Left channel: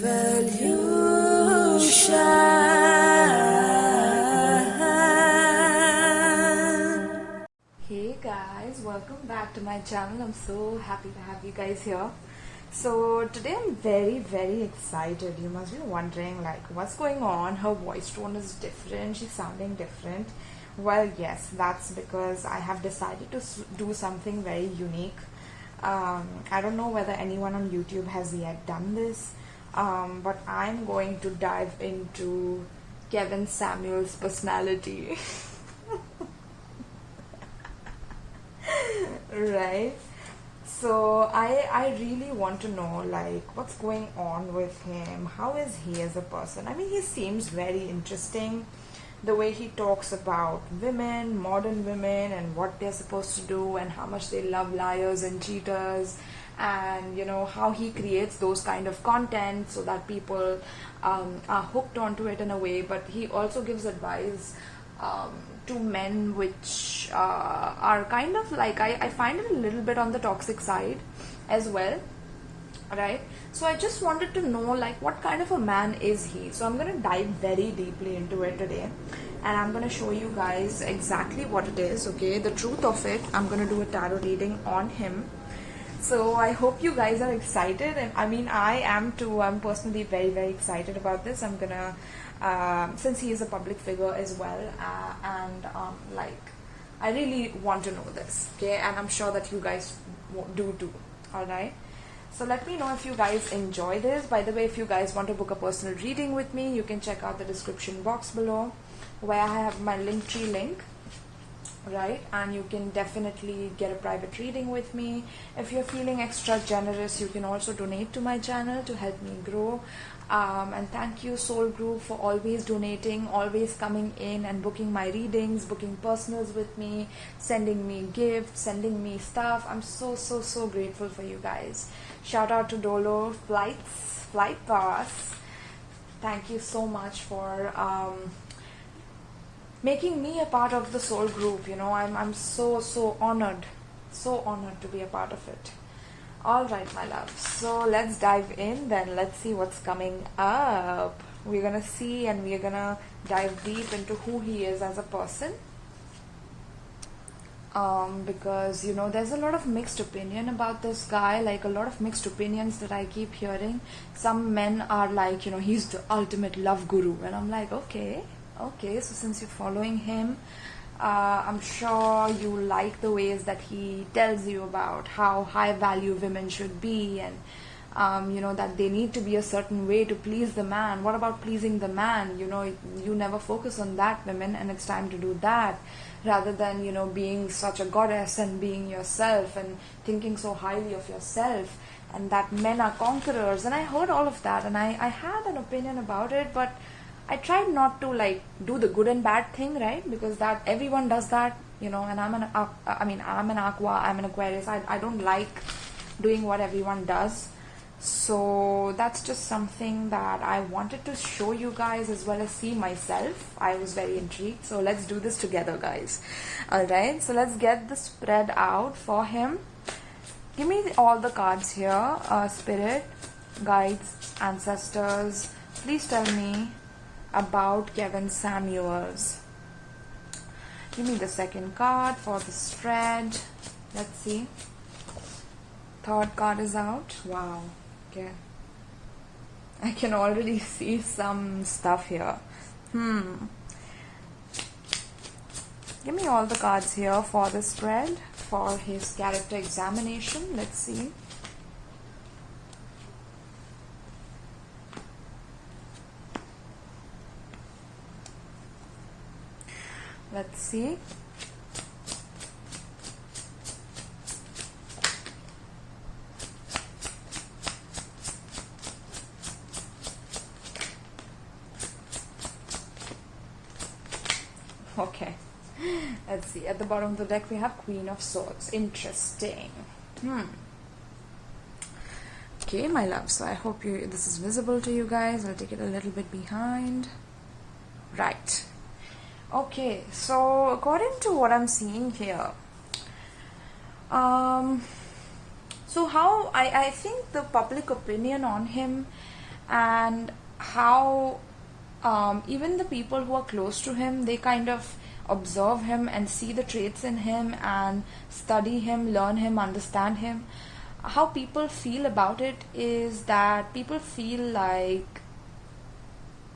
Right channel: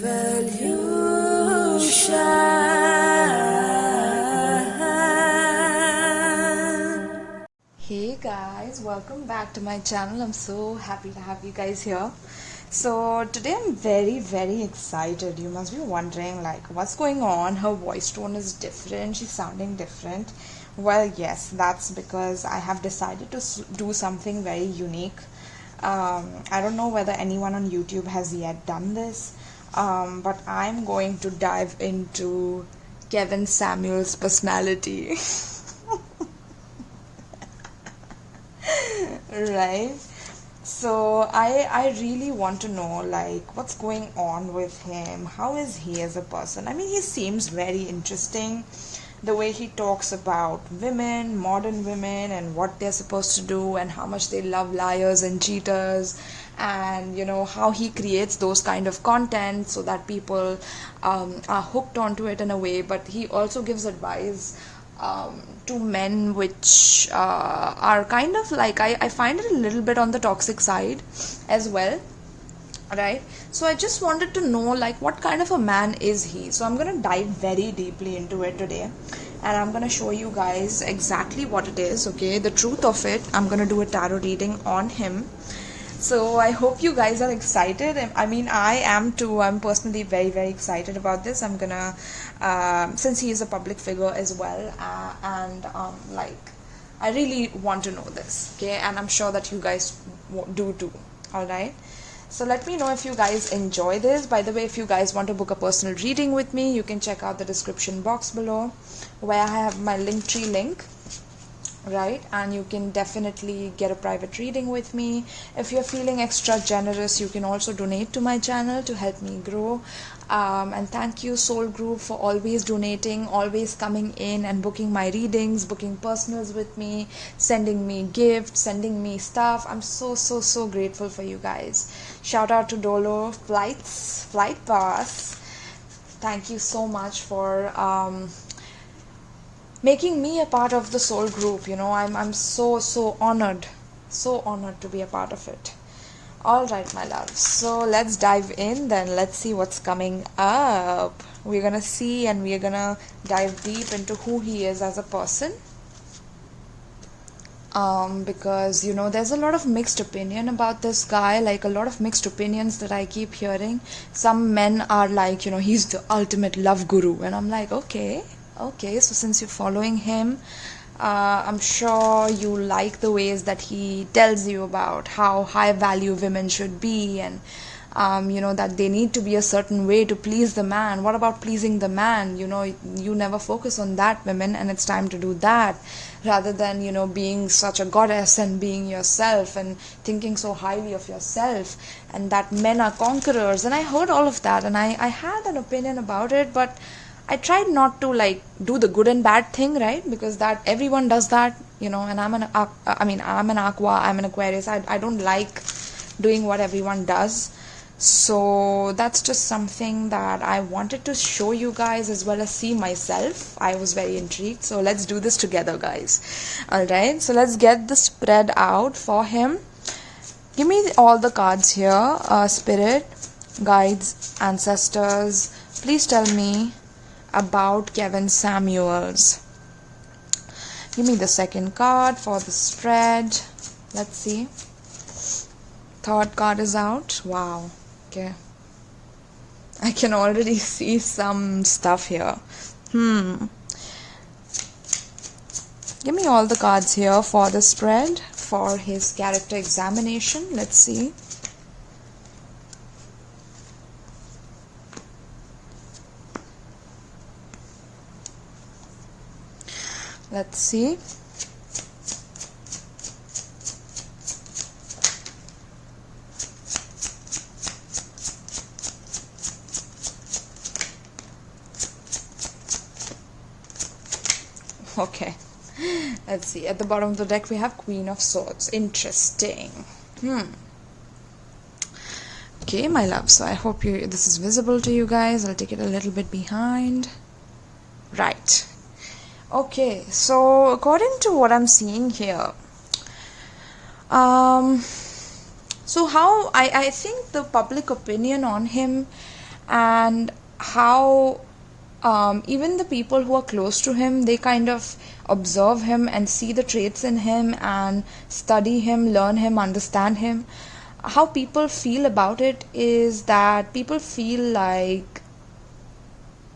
Hey guys, welcome back to my channel. I'm so happy to have you guys here. So today I'm very excited. You must be wondering like what's going on. Her voice tone is different, she's sounding different. Well, yes, that's because I have decided to do something very unique. I don't know whether anyone on YouTube has yet done this, but I'm going to dive into Kevin Samuels' personality. Right, so I really want to know like what's going on with him. How is he as a person? I mean, he seems very interesting, the way he talks about women, modern women, and what they're supposed to do and how much they love liars and cheaters, and you know how he creates those kind of content so that people are hooked onto it in a way. But he also gives advice to men which are kind of like I find it a little bit on the toxic side as well, right? So I just wanted to know like what kind of a man is he. So I'm gonna dive very deeply into it today, and I'm gonna show you guys exactly what it is. Okay, the truth of it. I'm gonna do a tarot reading on him. So I hope you guys are excited. I mean, I am too. I'm personally very excited about this. I'm gonna since he is a public figure as well, and like I really want to know this, okay? And I'm sure that you guys do too. All right, so let me know if you guys enjoy this. By the way, if you guys want to book a personal reading with me, you can check out the description box below where I have my Linktree link, right? And you can definitely get a private reading with me. If you're feeling extra generous, you can also donate to my channel to help me grow. And thank you Soul Group for always donating, always coming in and booking my readings, booking personals with me, sending me gifts, sending me stuff. I'm so grateful for you guys. Shout out to Doelow Flight Pass. Thank you so much for making me a part of the Soul Group. You know, I'm so honored to be a part of it. All right, my love, so let's dive in then. Let's see what's coming up. We're gonna see, and we're gonna dive deep into who he is as a person, because you know there's a lot of mixed opinion about this guy, like a lot of mixed opinions that I keep hearing. Some men are like, you know, he's the ultimate love guru, and I'm like, okay, so since you're following him, I'm sure you like the ways that he tells you about how high value women should be, and you know that they need to be a certain way to please the man. What about pleasing the man? You know, you never focus on that, women, and it's time to do that rather than, you know, being such a goddess and being yourself and thinking so highly of yourself, and that men are conquerors. And I heard all of that, and I had an opinion about it, but I tried not to like do the good and bad thing, right? Because that everyone does that, you know, and I'm an Aqua, I'm an Aquarius. I don't like doing what everyone does. So that's just something that I wanted to show you guys as well as see myself. I was very intrigued. So let's do this together, guys. All right, so let's get the spread out for him. Give me all the cards here. Spirit, guides, ancestors, please tell me about Kevin Samuels. Give me the second card for the spread. Let's see. Third card is out. Wow. Okay, I can already see some stuff here. Give me all the cards here for the spread for his character examination. Let's see. Let's see. Okay, let's see. At the bottom of the deck we have Queen of Swords. Interesting. Okay, my love, so I hope this is visible to you guys. I'll take it a little bit behind. Right. Okay, so according to what I'm seeing here, so how I think the public opinion on him and how even the people who are close to him, they kind of observe him and see the traits in him and study him, learn him, understand him. How people feel about it is that people feel like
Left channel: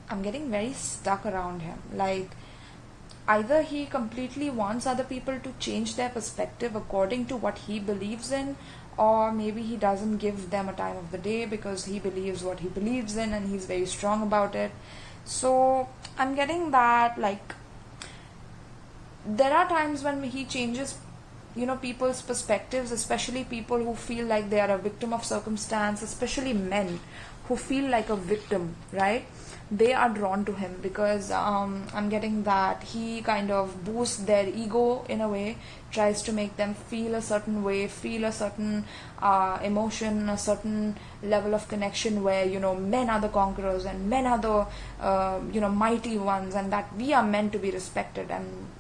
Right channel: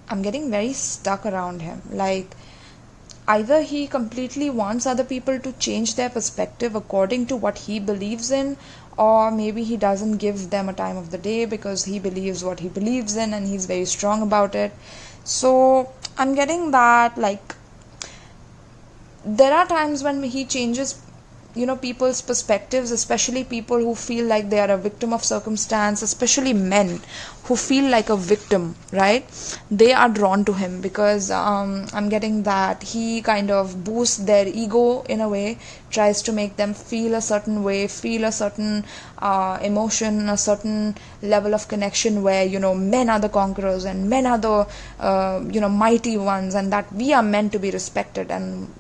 I'm getting very stuck around him. Like, either he completely wants other people to change their perspective according to what he believes in, or maybe he doesn't give them a time of the day because he believes what he believes in and he's very strong about it. So I'm getting that, like, there are times when he changes, people's perspectives, especially people who feel like they are a victim of circumstance, especially men who feel like a victim, right? They are drawn to him because I'm getting that he kind of boosts their ego in a way, tries to make them feel a certain way, feel a certain emotion, a certain level of connection where, men are the conquerors and men are the, mighty ones, and that we are meant to be respected, and,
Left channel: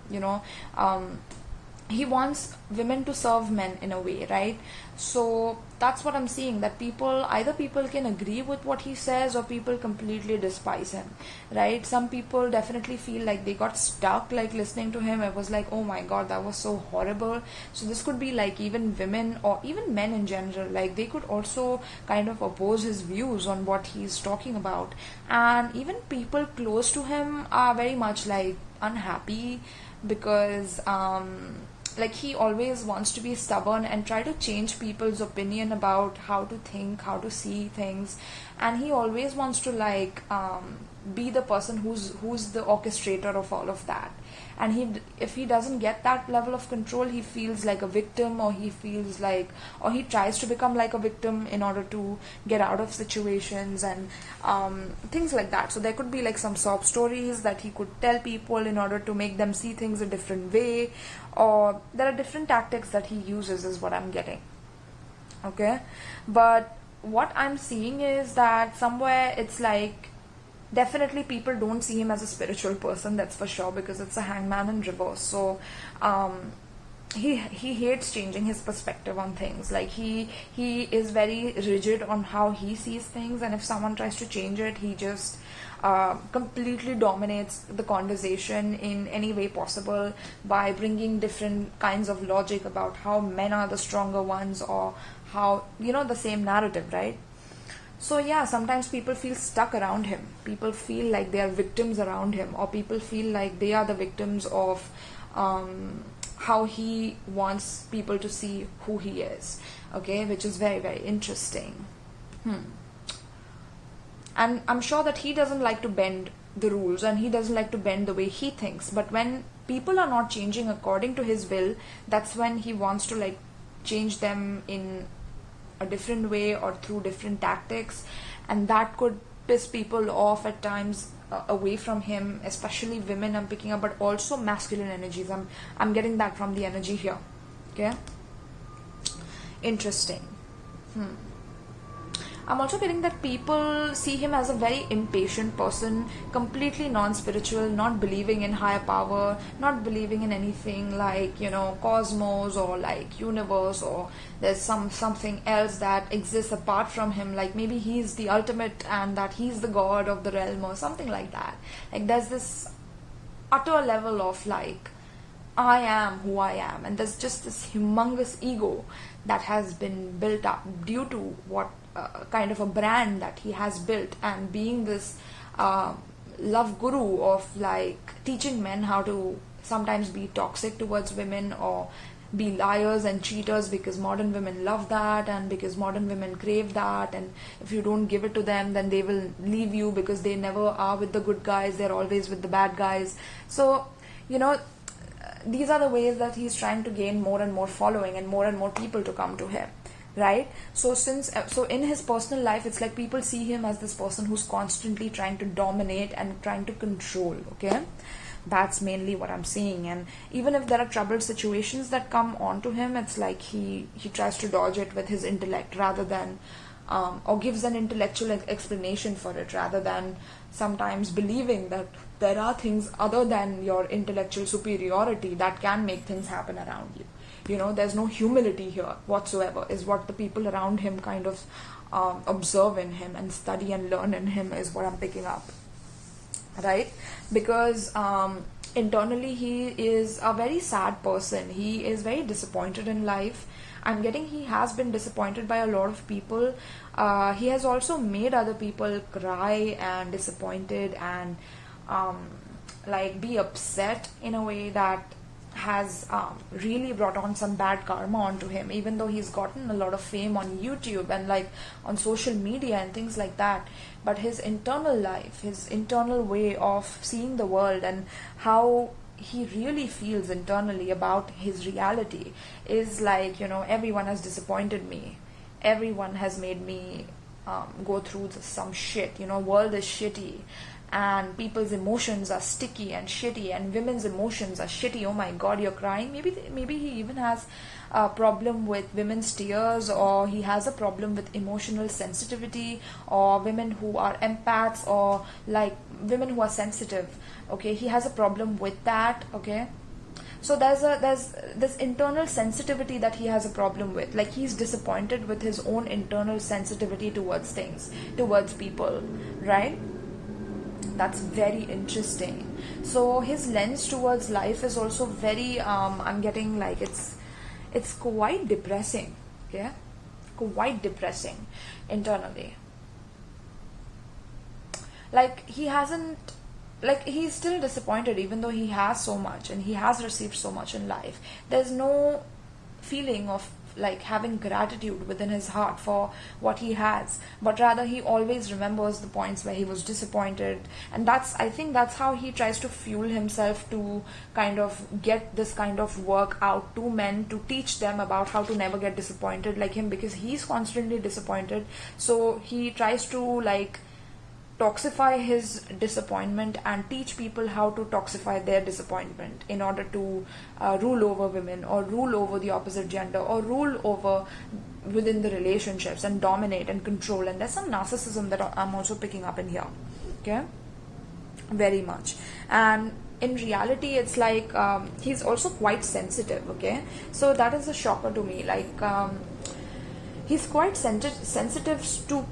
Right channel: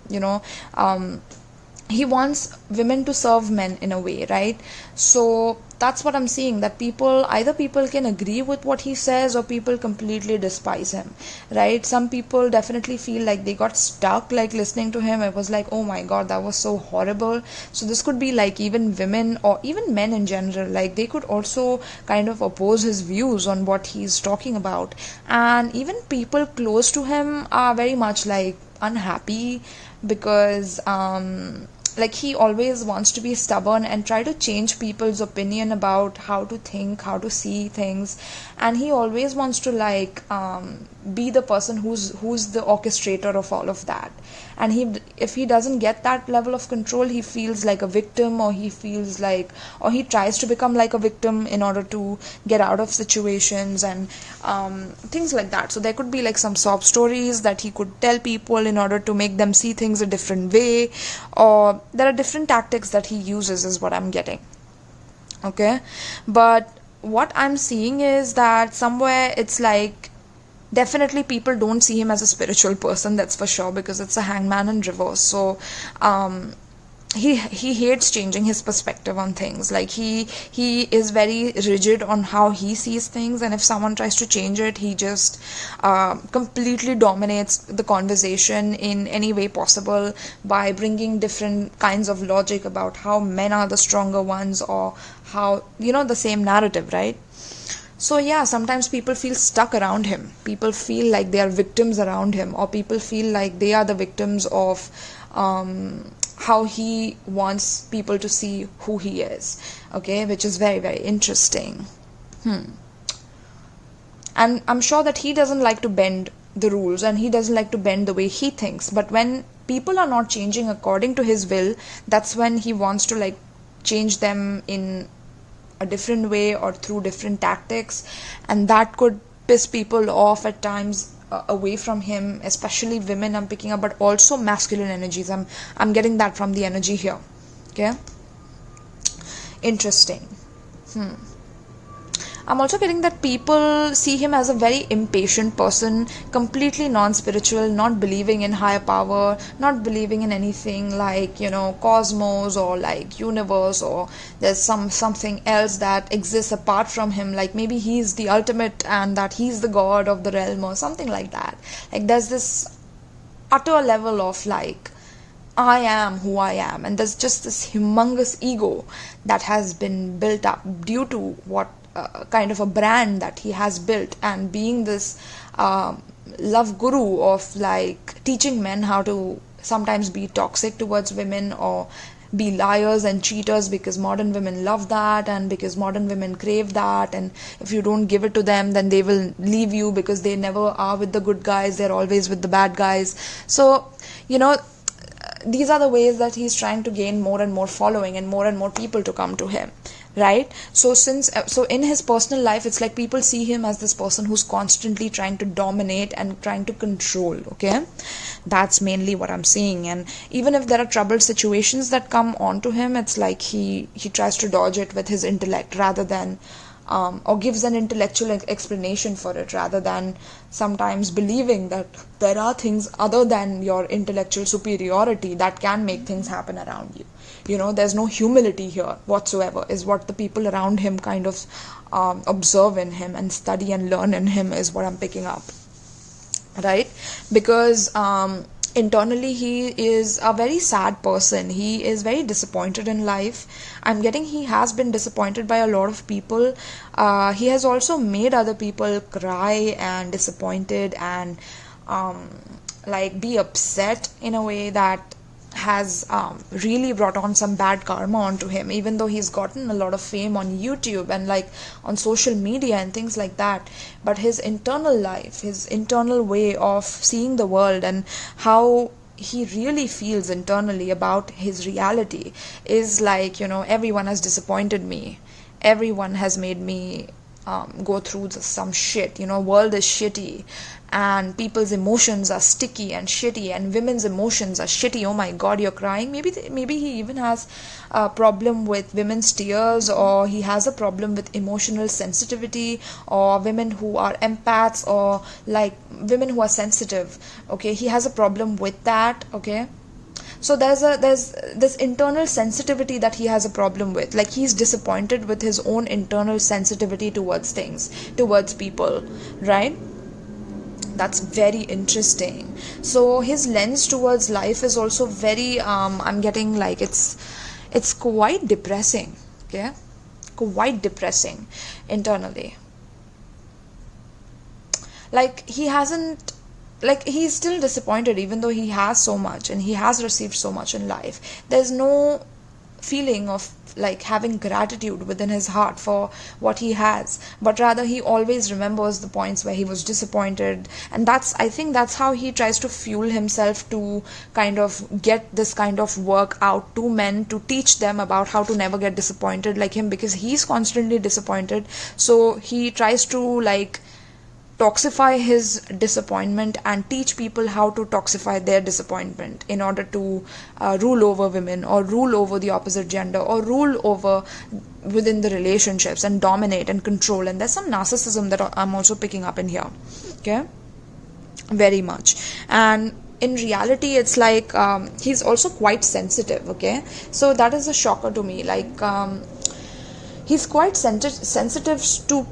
he wants women to serve men in a way, right? So that's what I'm seeing, that either people can agree with what he says or people completely despise him, right? Some people definitely feel like they got stuck, like listening to him. It was like, oh my god, that was so horrible. So this could be like even women or even men in general, like they could also kind of oppose his views on what he's talking about. And even people close to him are very much like unhappy because like he always wants to be stubborn and try to change people's opinion about how to think, how to see things, and he always wants to like be the person who's the orchestrator of all of that. And if he doesn't get that level of control, he feels like a victim, or he tries to become like a victim in order to get out of situations and things like that. So there could be like some sob stories that he could tell people in order to make them see things a different way, or there are different tactics that he uses, is what I'm getting. Okay, but what I'm seeing is that somewhere it's like, definitely people don't see him as a spiritual person, that's for sure, because it's a hangman in reverse. So he hates changing his perspective on things. Like he is very rigid on how he sees things, and if someone tries to change it, he just completely dominates the conversation in any way possible by bringing different kinds of logic about how men are the stronger ones, or how, the same narrative, right? So yeah, sometimes people feel stuck around him. People feel like they are victims around him, or people feel like they are the victims of how he wants people to see who he is. Okay, which is very, very interesting. And I'm sure that he doesn't like to bend the rules, and he doesn't like to bend the way he thinks. But when people are not changing according to his will, that's when he wants to like change them in a different way or through different tactics, and that could piss people off at times away from him, especially women I'm picking up, but also masculine energies. I'm getting that from the energy here. Okay, interesting. I'm also getting that people see him as a very impatient person, completely non-spiritual, not believing in higher power, not believing in anything like, cosmos or like universe, or there's something else that exists apart from him, like maybe he's the ultimate and that he's the god of the realm or something like that. Like there's this utter level of like, I am who I am, and there's just this humongous ego that has been built up due to what kind of a brand that he has built, and being this love guru of like teaching men how to sometimes be toxic towards women, or be liars and cheaters, because modern women love that, and because modern women crave that, and if you don't give it to them, then they will leave you because they never are with the good guys, they're always with the bad guys. So these are the ways that he's trying to gain more and more following and more people to come to him, right? So in his personal life, it's like people see him as this person who's constantly trying to dominate and trying to control. Okay, that's mainly what I'm seeing. And even if there are troubled situations that come onto him, it's like he tries to dodge it with his intellect, rather than or gives an intellectual explanation for it, rather than sometimes believing that there are things other than your intellectual superiority that can make things happen around you. There's no humility here whatsoever, is what the people around him kind of observe in him and study and learn in him is what I'm picking up, right? Because internally he is a very sad person. He is very disappointed in life. I'm getting he has been disappointed by a lot of people. He has also made other people cry and disappointed and like be upset in a way that has really brought on some bad karma onto him, even though he's gotten a lot of fame on YouTube and like on social media and things like that. But his internal life, his internal way of seeing the world and how he really feels internally about his reality is like, everyone has disappointed me, everyone has made me go through some shit, world is shitty and people's emotions are sticky and shitty and women's emotions are shitty. Oh my god, you're crying. Maybe he even has a problem with women's tears, or he has a problem with emotional sensitivity, or women who are empaths, or like women who are sensitive. Okay, he has a problem with that. Okay, so there's this internal sensitivity that he has a problem with. Like he's disappointed with his own internal sensitivity towards things, towards people, right? That's very interesting. So his lens towards life is also very I'm getting like it's quite depressing. Okay, quite depressing internally. Like he hasn't, like he's still disappointed even though he has so much and he has received so much in life. There's no feeling of like having gratitude within his heart for what he has, but rather he always remembers the points where he was disappointed. And I think that's how he tries to fuel himself to kind of get this kind of work out to men, to teach them about how to never get disappointed like him, because he's constantly disappointed. So he tries to like toxify his disappointment and teach people how to toxify their disappointment in order to rule over women, or rule over the opposite gender, or rule over within the relationships and dominate and control. And there's some narcissism that I'm also picking up in here. Okay, very much. And in reality it's like he's also quite sensitive. Okay, so that is a shocker to me. Like he's quite sensitive to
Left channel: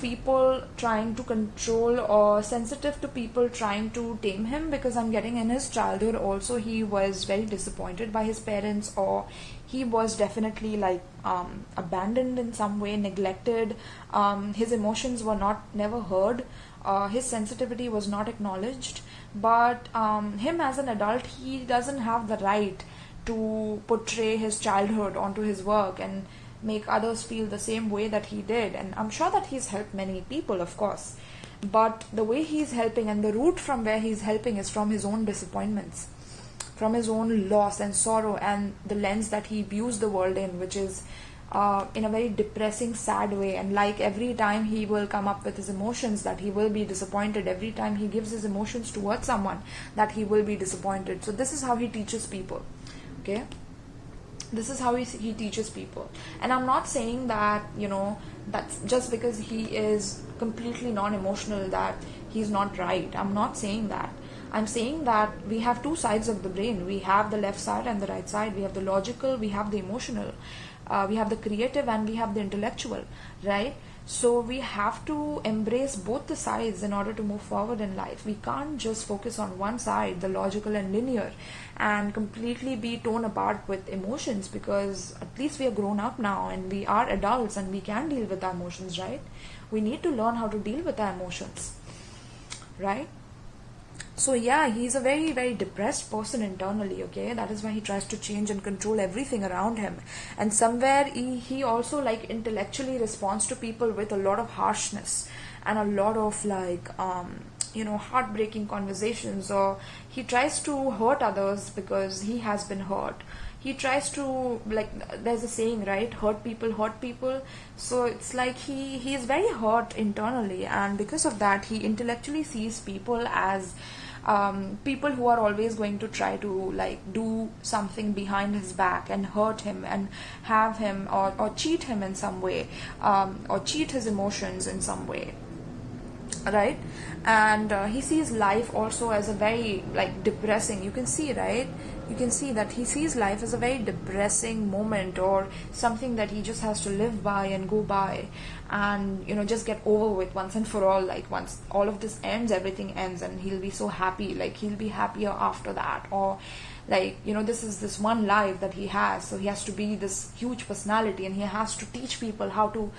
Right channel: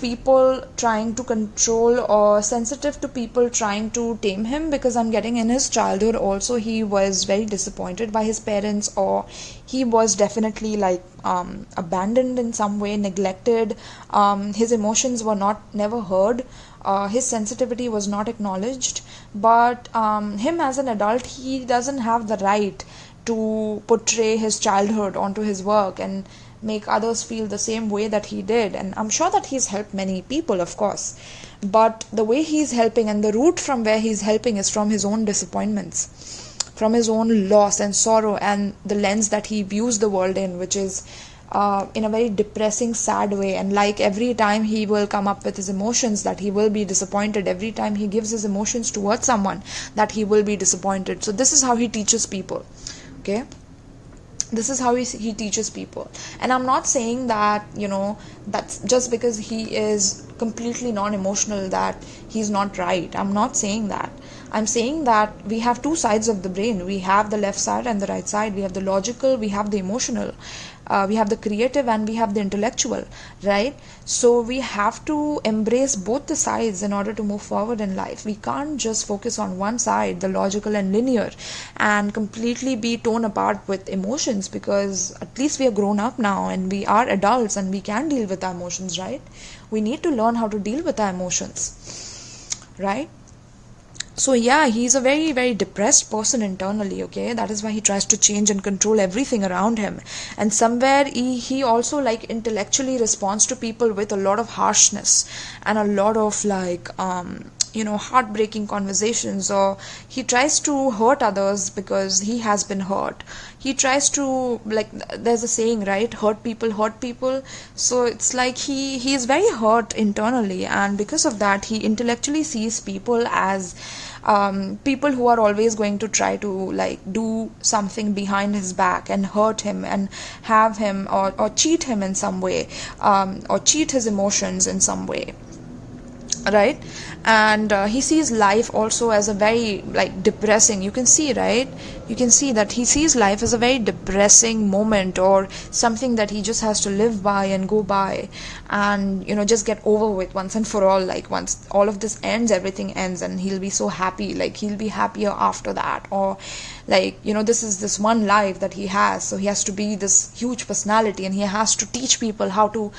people trying to control, or sensitive to people trying to tame him, because I'm getting in his childhood also he was very disappointed by his parents, or he was definitely like abandoned in some way, neglected. His emotions were never heard. His sensitivity was not acknowledged. But him as an adult, he doesn't have the right to portray his childhood onto his work and make others feel the same way that he did. And I'm sure that he's helped many people, of course, but the way he's helping and the route from where he's helping is from his own disappointments, from his own loss and sorrow, and the lens that he views the world in, which is in a very depressing, sad way. And like every time he will come up with his emotions, that he will be disappointed. Every time he gives his emotions towards someone, that he will be disappointed. So this is how he teaches people. Okay, this is how he teaches people. And I'm not saying that that's just because he is completely non-emotional that he's not right. I'm not saying that. I'm saying that we have two sides of the brain. We have the left side and the right side. We have the logical, we have the emotional, we have the creative, and we have the intellectual, right? So we have to embrace both the sides in order to move forward in life. We can't just focus on one side, the logical and linear, and completely be torn apart with emotions, because at least we are grown up now and we are adults and we can deal with our emotions, right? We need to learn how to deal with our emotions, right? So yeah, he's a very, very depressed person internally. Okay, that is why he tries to change and control everything around him. And somewhere he also like intellectually responds to people with a lot of harshness and a lot of like heartbreaking conversations, or he tries to hurt others because he has been hurt. He tries to, like, there's a saying, right, hurt people. So it's like he is very hurt internally, and because of that he intellectually sees people as people who are always going to try to like do something behind his back and hurt him and have him or cheat him in some way, or cheat his emotions in some way. right? And he sees life also as a very like depressing, you can see, right? You can see that he sees life as a very depressing moment, or something that he just has to live by and go by, and just get over with once and for all. Like once all of this ends, everything ends, and he'll be so happy, like he'll be happier after that. Or like this is this one life that he has, so he has to be this huge personality, and he has to teach people how to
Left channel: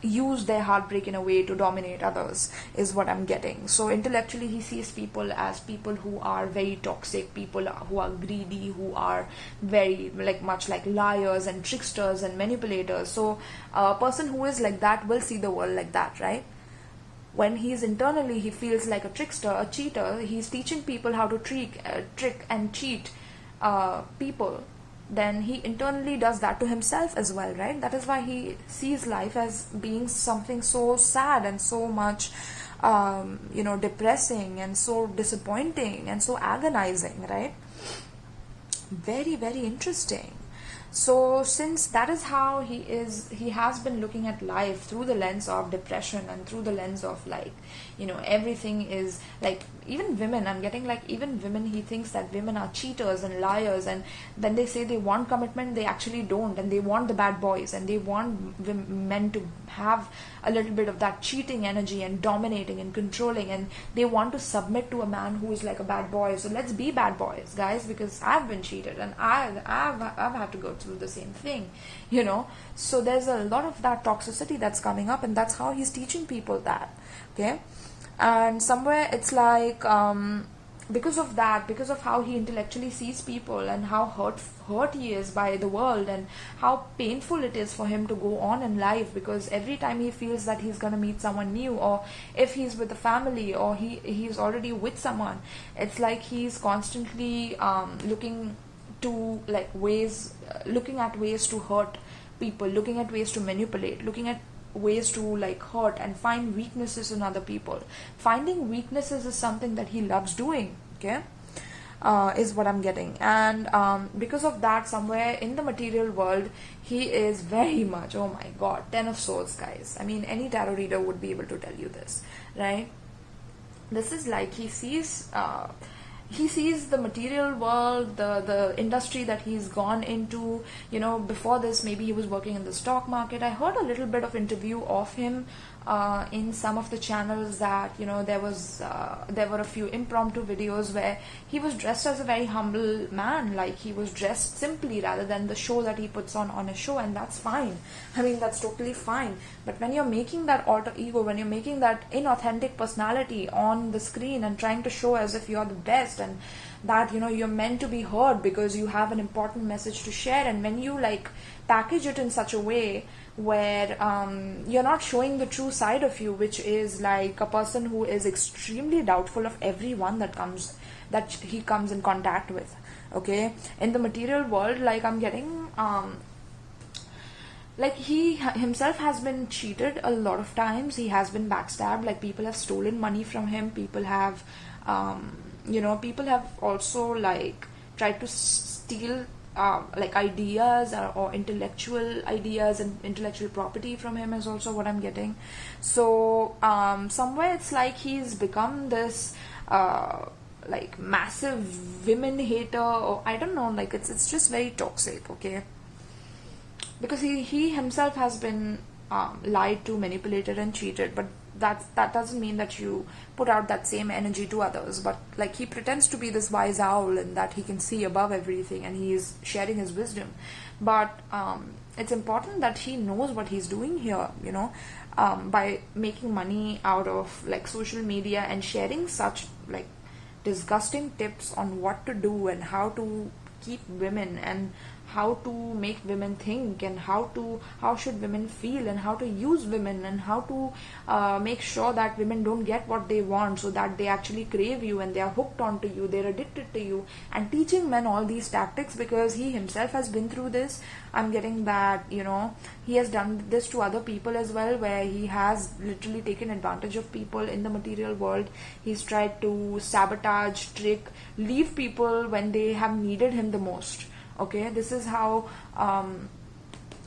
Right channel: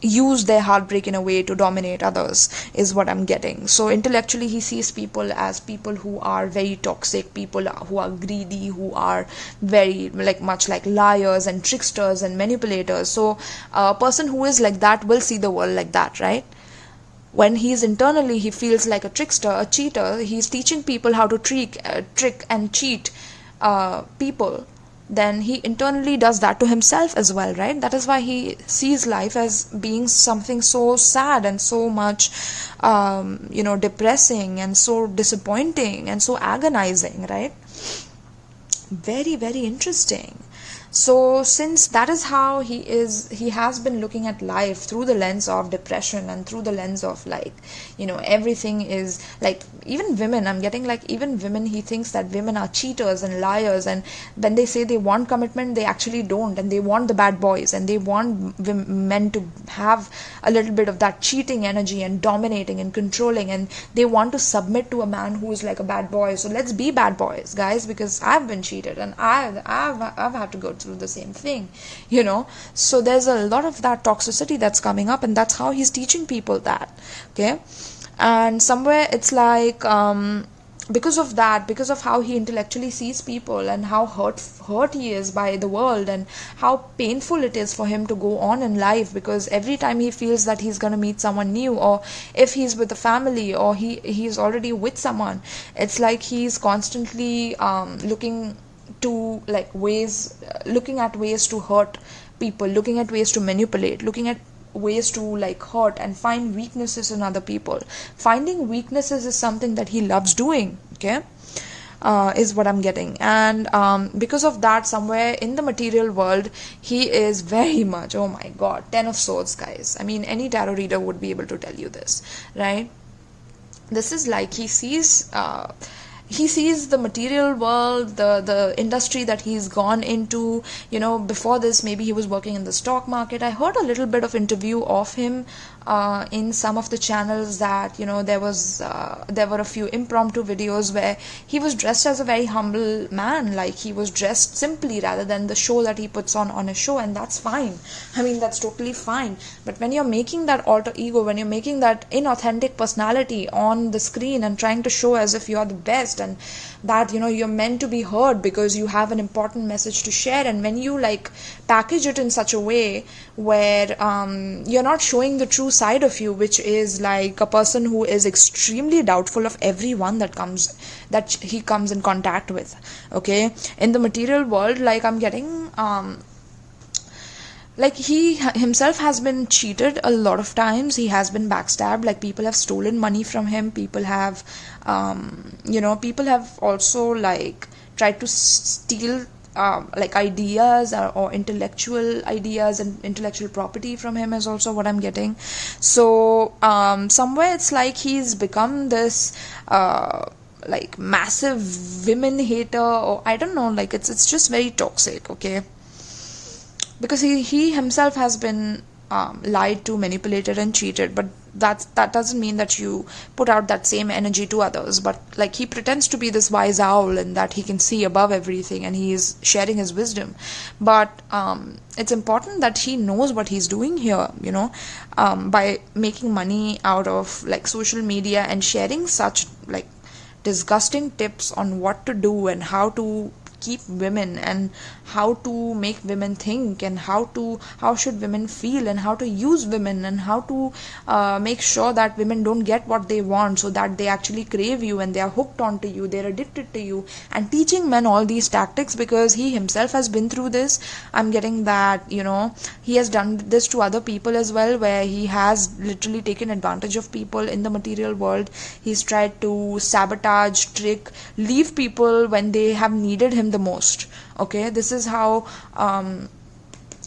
use their heartbreak in a way to dominate others, is what I'm getting. So intellectually he sees people as people who are very toxic, people who are greedy, who are very like much like liars and tricksters and manipulators. So a person who is like that will see the world like that, right? When he's internally, he feels like a trickster, a cheater, he's teaching people how to trick and cheat people, then he internally does that to himself as well, right? That is why he sees life as being something so sad and so much depressing and so disappointing and so agonizing, right? Very, very interesting. So since that is how he has been looking at life through the lens of depression, and through the lens of like everything is like, even women, I'm getting like even women, he thinks that women are cheaters and liars, and when they say they want commitment, they actually don't, and they want the bad boys, and they want men to have a little bit of that cheating energy and dominating and controlling, and they want to submit to a man who is like a bad boy. So let's be bad boys, guys, because I've been cheated, and I've had to go through the same thing, so there's a lot of that toxicity that's coming up, and that's how he's teaching people that. Okay. And somewhere it's like because of that, because of how he intellectually sees people, and how hurt he is by the world, and how painful it is for him to go on in life, because every time he feels that he's going to meet someone new, or if he's with a family, or he's already with someone, it's like he's constantly looking at ways to hurt people, looking at ways to manipulate, looking at ways to like hurt and find weaknesses in other people. Finding weaknesses is something that he loves doing. Okay. Is what I'm getting. And because of that, somewhere in the material world, he is very much, oh my god, 10 of swords, guys. I mean, any tarot reader would be able to tell you this, right? This is like he sees the material world, the industry that he's gone into. Before this, maybe he was working in the stock market. I heard a little bit of interview of him in some of the channels, that there were a few impromptu videos where he was dressed as a very humble man, like he was dressed simply rather than the show that he puts on a show, and that's fine. I mean, that's totally fine. But when you're making that alter ego, when you're making that inauthentic personality on the screen and trying to show as if you're the best, and that you're meant to be heard because you have an important message to share, and when you like package it in such a way where you're not showing the true side of you, which is like a person who is extremely doubtful of everyone that he comes in contact with. Okay, in the material world, like I'm getting like he himself has been cheated a lot of times. He has been backstabbed, like people have stolen money from him, people have people have also like tried to steal like ideas or intellectual ideas and intellectual property from him, is also what I'm getting. So somewhere it's like he's become this like massive women hater, or I don't know, like it's just very toxic. Okay, because he himself has been lied to, manipulated and cheated, but that doesn't mean that you put out that same energy to others. But like he pretends to be this wise owl, and that he can see above everything, and he is sharing his wisdom. But it's important that he knows what he's doing here, by making money out of like social media and sharing such like disgusting tips on what to do and how to keep women, and how to make women think, and how should women feel, and how to use women, and how to make sure that women don't get what they want, so that they actually crave you and they are hooked onto you, they're addicted to you, and teaching men all these tactics, because he himself has been through this. I'm getting that he has done this to other people as well, where he has literally taken advantage of people in the material world. He's tried to sabotage, trick, leave people when they have needed him the most. Okay, this is how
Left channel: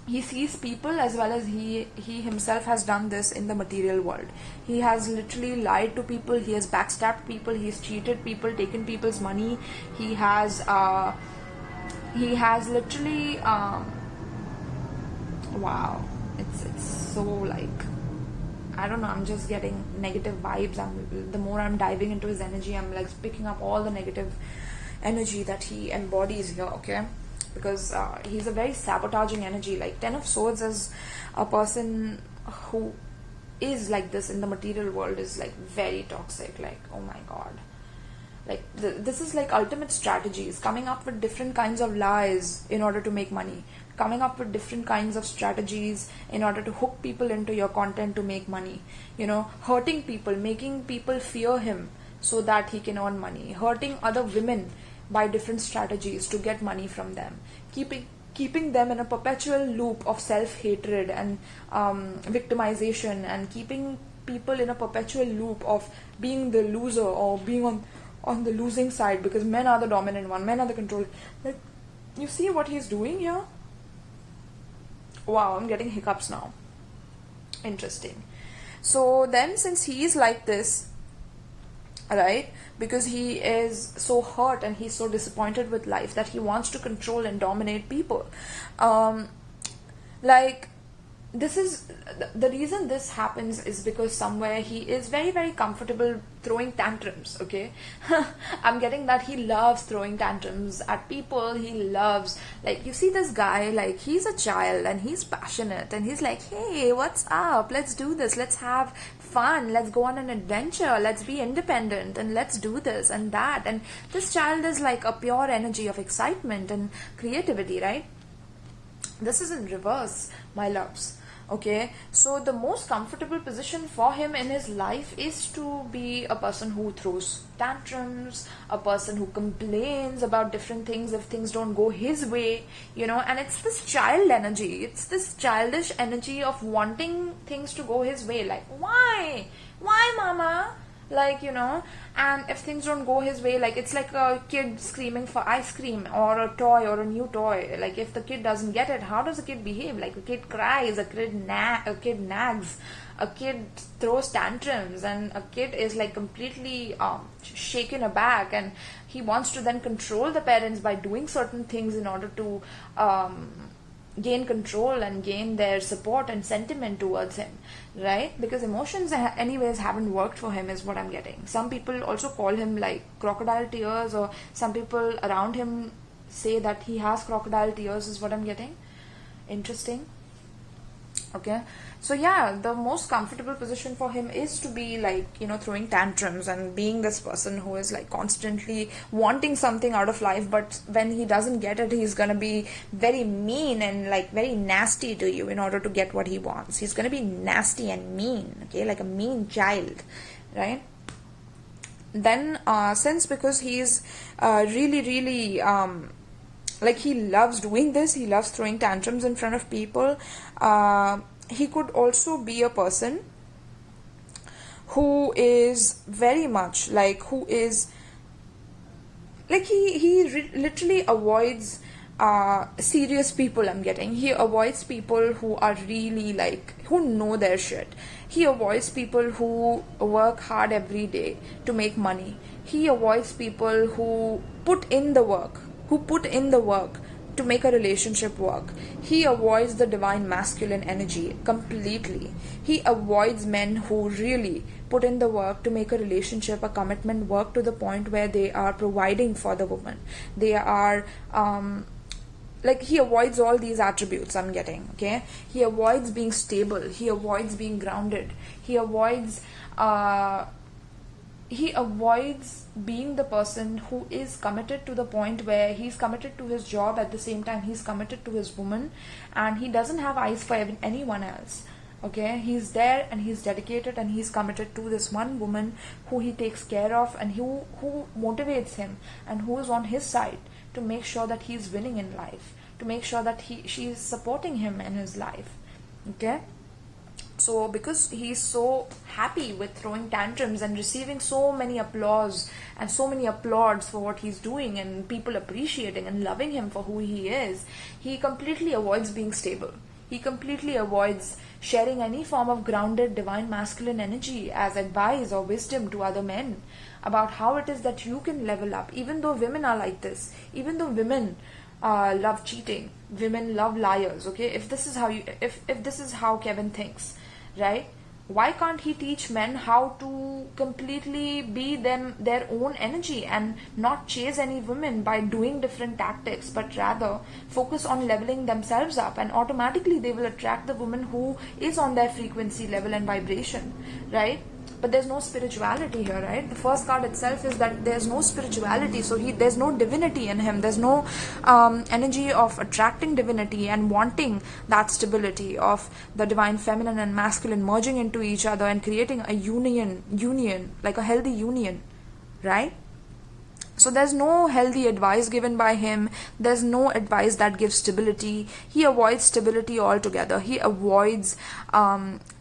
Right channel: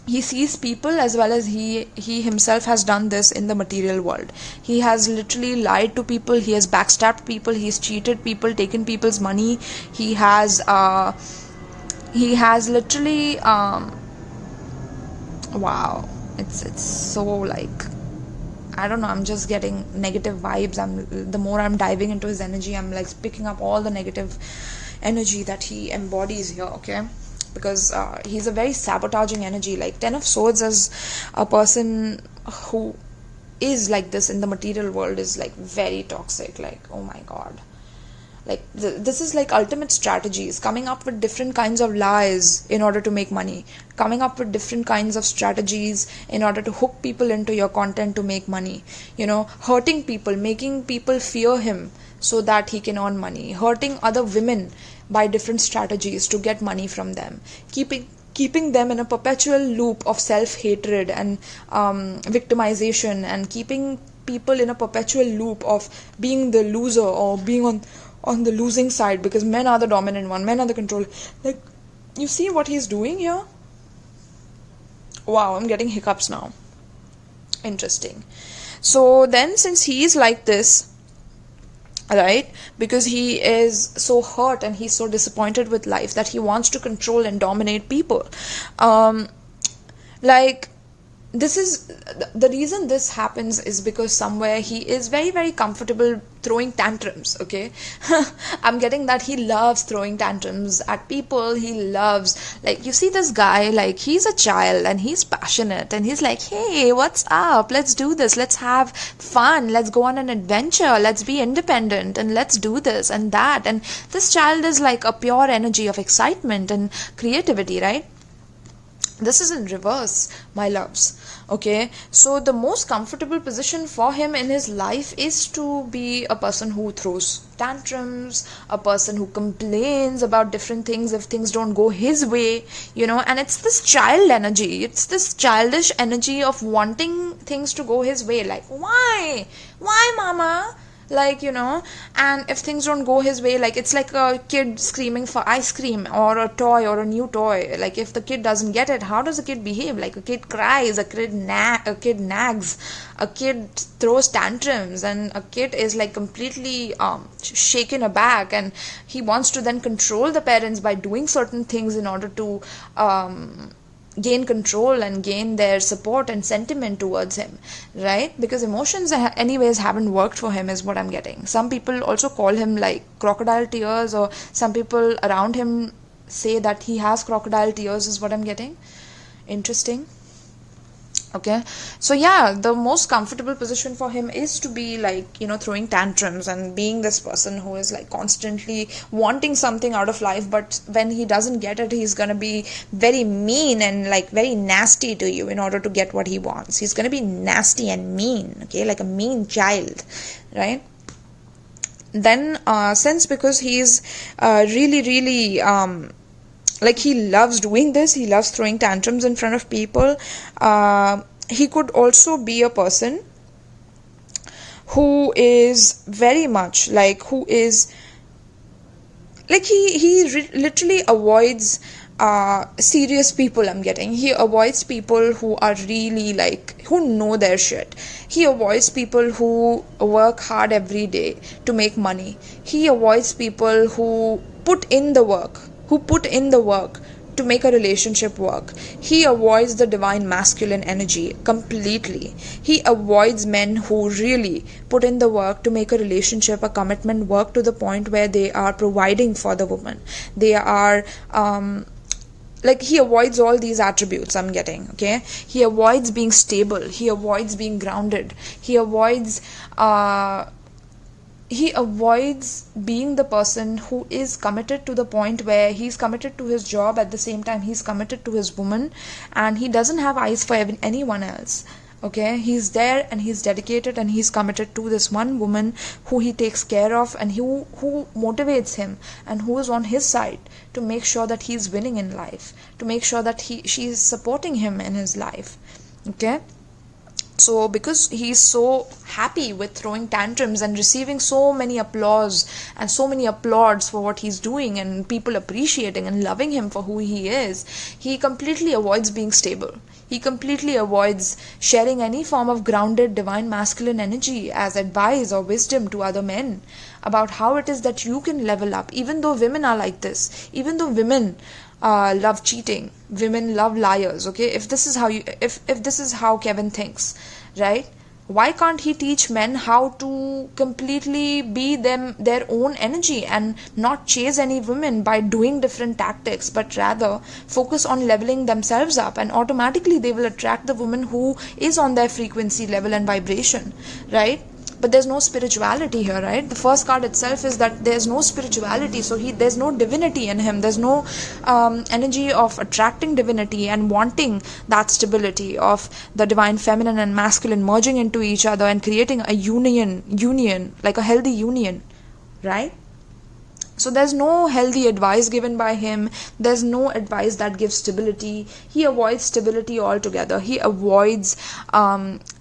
he sees people as well as he himself has done this in the material world. He has literally lied to people, he has backstabbed people, he's cheated people, taken people's money. He has literally wow, it's so like, I don't know, I'm just getting negative vibes. The more I'm diving into his energy, I'm like picking up all the negative energy that he embodies here, okay? Because he's a very sabotaging energy. Like 10 of Swords as a person who is like this in the material world is like very toxic. Like, oh my god, like this is like ultimate strategies, coming up with different kinds of lies in order to make money, coming up with different kinds of strategies in order to hook people into your content to make money, hurting people, making people fear him so that he can earn money, hurting other women by different strategies to get money from them, keeping them in a perpetual loop of self-hatred and victimization, and keeping people in a perpetual loop of being the loser or being on the losing side, because men are the dominant one, men are the controller. Like, you see what he's doing here? Wow, I'm getting hiccups now. Interesting. So then, since he is like this, right, because he is so hurt and he's so disappointed with life that he wants to control and dominate people, like, this is the reason this happens is because somewhere he is very, very comfortable throwing tantrums, okay? I'm getting that he loves throwing tantrums at people. He loves, like, you see this guy, like, he's a child and he's passionate and he's like, hey, what's up? Let's do this. Let's have fun. Let's go on an adventure. Let's be independent and let's do this and that. And this child is like a pure energy of excitement and creativity, right? This is in reverse, my loves. Okay, so the most comfortable position for him in his life is to be a person who throws tantrums, a person who complains about different things if things don't go his way, and it's this child energy, it's this childish energy of wanting things to go his way. Like, why mama? Like, and if things don't go his way, like, it's like a kid screaming for ice cream or a toy or a new toy. Like, if the kid doesn't get it, how does a kid behave? Like, a kid cries, a kid nags, a kid throws tantrums, and a kid is like completely shaken aback, and he wants to then control the parents by doing certain things in order to gain control and gain their support and sentiment towards him, right? Because emotions anyways haven't worked for him, is what I'm getting. Some people also call him like crocodile tears, or some people around him say that he has crocodile tears, is what I'm getting. Interesting. Okay, so yeah, the most comfortable position for him is to be like, throwing tantrums and being this person who is like constantly wanting something out of life, but when he doesn't get it, he's gonna be very mean and like very nasty to you in order to get what he wants. He's gonna be nasty and mean, okay, like a mean child, right? Then since because he's really, really like, he loves doing this, he loves throwing tantrums in front of people, he could also be a person who is very much like, who is like, he literally avoids serious people. I'm getting, he avoids people who are really like, who know their shit. He avoids people who work hard every day to make money. He avoids people who put in the work to make a relationship work. He avoids the divine masculine energy completely. He avoids men who really put in the work to make a relationship, a commitment work, to the point where they are providing for the woman. They are like, he avoids all these attributes, I'm getting, okay? He avoids being stable, he avoids being grounded, he avoids being the person who is committed to the point where he's committed to his job, at the same time he's committed to his woman, and he doesn't have eyes for anyone else. Okay, he's there and he's dedicated and he's committed to this one woman who he takes care of, and who motivates him and who is on his side to make sure that he's winning in life, to make sure that she's supporting him in his life. Okay, so because he's so happy with throwing tantrums and receiving so many applause and so many applauds for what he's doing, and people appreciating and loving him for who he is, he completely avoids being stable. He completely avoids sharing any form of grounded divine masculine energy as advice or wisdom to other men about how it is that you can level up, even though women are like this, even though women love cheating, women love liars. Okay, if this is how if this is how Kevin thinks, right? Why can't he teach men how to completely be their own energy and not chase any women by doing different tactics, but rather focus on leveling themselves up, and automatically they will attract the woman who is on their frequency level and vibration, right? But there's no spirituality here, right? The first card itself is that there's no spirituality, so there's no divinity in him. There's no energy of attracting divinity and wanting that stability of the divine feminine and masculine merging into each other and creating a union, like a healthy union, right? So there's no healthy advice given by him. There's no advice that gives stability. He avoids stability altogether. He avoids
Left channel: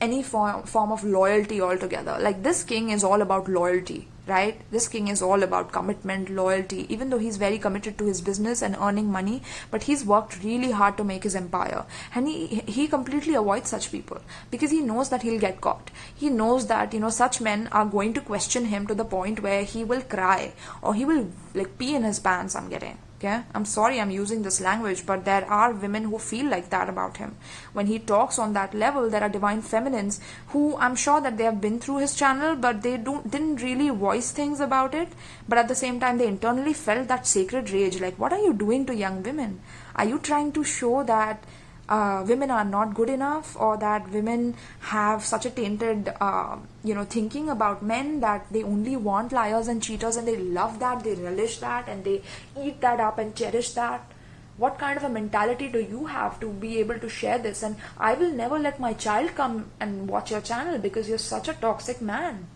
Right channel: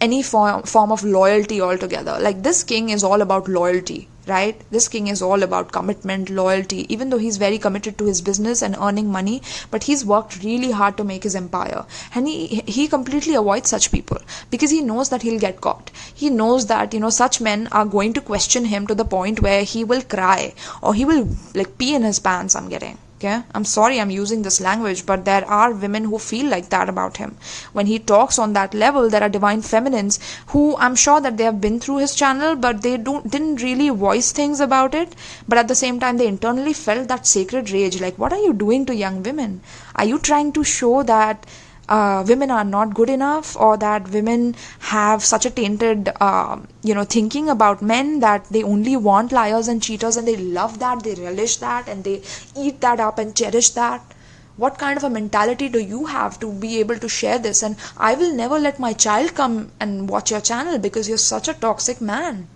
any form of loyalty altogether. Like, this king is all about loyalty, right? This king is all about commitment, loyalty, even though he's very committed to his business and earning money, but he's worked really hard to make his empire. And he completely avoids such people because he knows that he'll get caught. He knows that, such men are going to question him to the point where he will cry or he will like pee in his pants. Okay, I'm sorry I'm using this language, but there are women who feel like that about him. When he talks on that level, there are divine feminines who, I'm sure that they have been through his channel, but they didn't really voice things about it. But at the same time, they internally felt that sacred rage. Like, what are you doing to young women? Are you trying to show that women are not good enough, or that women have such a tainted thinking about men, that they only want liars and cheaters and they love that, they relish that, and they eat that up and cherish that? What kind of a mentality do you have to be able to share this? And I will never let my child come and watch your channel because you're such a toxic man.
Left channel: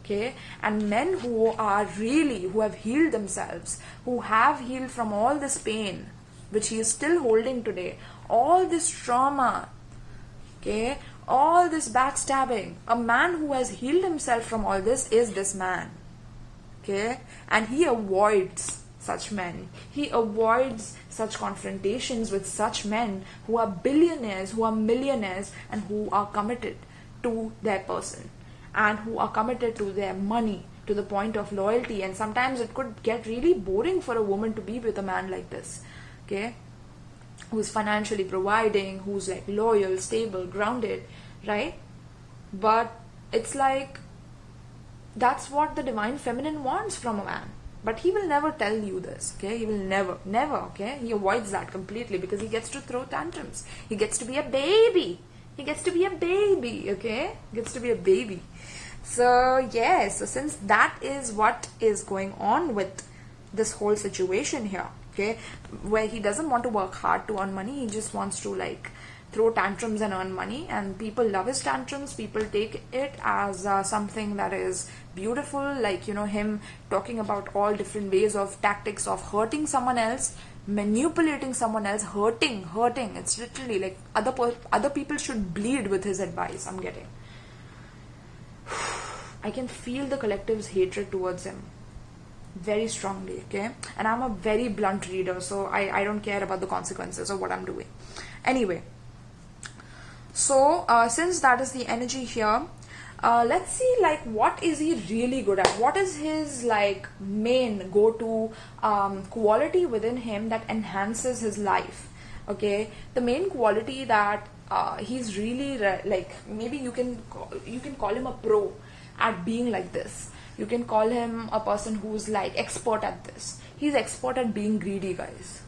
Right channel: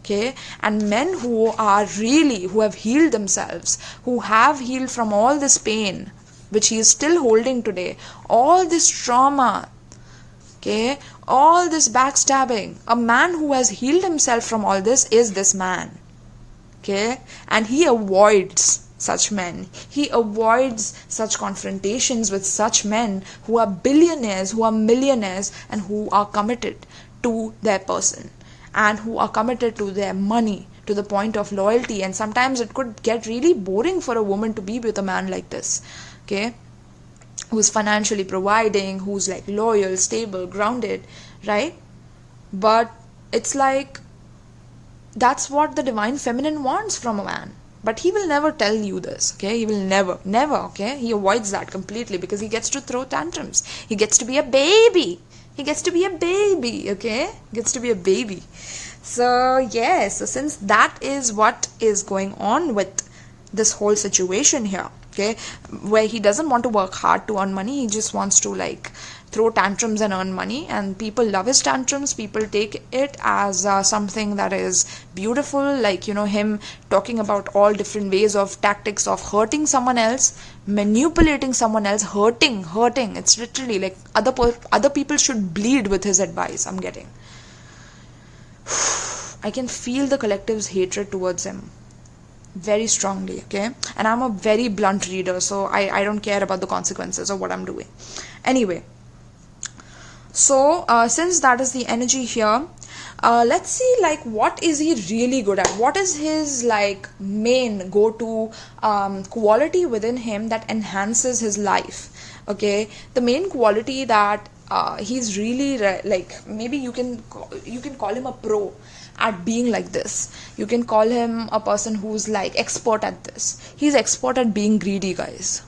Okay, and men who have healed themselves, who have healed from all this pain which he is still holding today, all this trauma, okay, all this backstabbing, a man who has healed himself from all this is this man, okay? And he avoids such men. He avoids such confrontations with such men who are billionaires, who are millionaires, and who are committed to their person and who are committed to their money to the point of loyalty. And sometimes it could get really boring for a woman to be with a man like this, okay, who's financially providing, who's like loyal, stable, grounded, right? But it's like, that's what the divine feminine wants from a man. But he will never tell you this, okay? He will never, okay? He avoids that completely because he gets to throw tantrums. He gets to be a baby. Okay? He gets to be a baby. So, yes, so since that is what is going on with this whole situation here, okay, where he doesn't want to work hard to earn money, he just wants to like throw tantrums and earn money, and people love his tantrums. People take it as something that is beautiful, like, him talking about all different ways of tactics of hurting someone else, manipulating someone else, hurting. It's literally like other people should bleed with his advice. I'm getting I can feel the collective's hatred towards him very strongly, okay? And I'm a very blunt reader, so I don't care about the consequences of what I'm doing. Anyway, so since that is the energy here, let's see, like, what is he really good at? What is his like main go-to quality within him that enhances his life? Okay, the main quality that he's really like, maybe you can call him a pro at being like this. You can call him a person who's like expert at this. He's expert at being greedy, guys.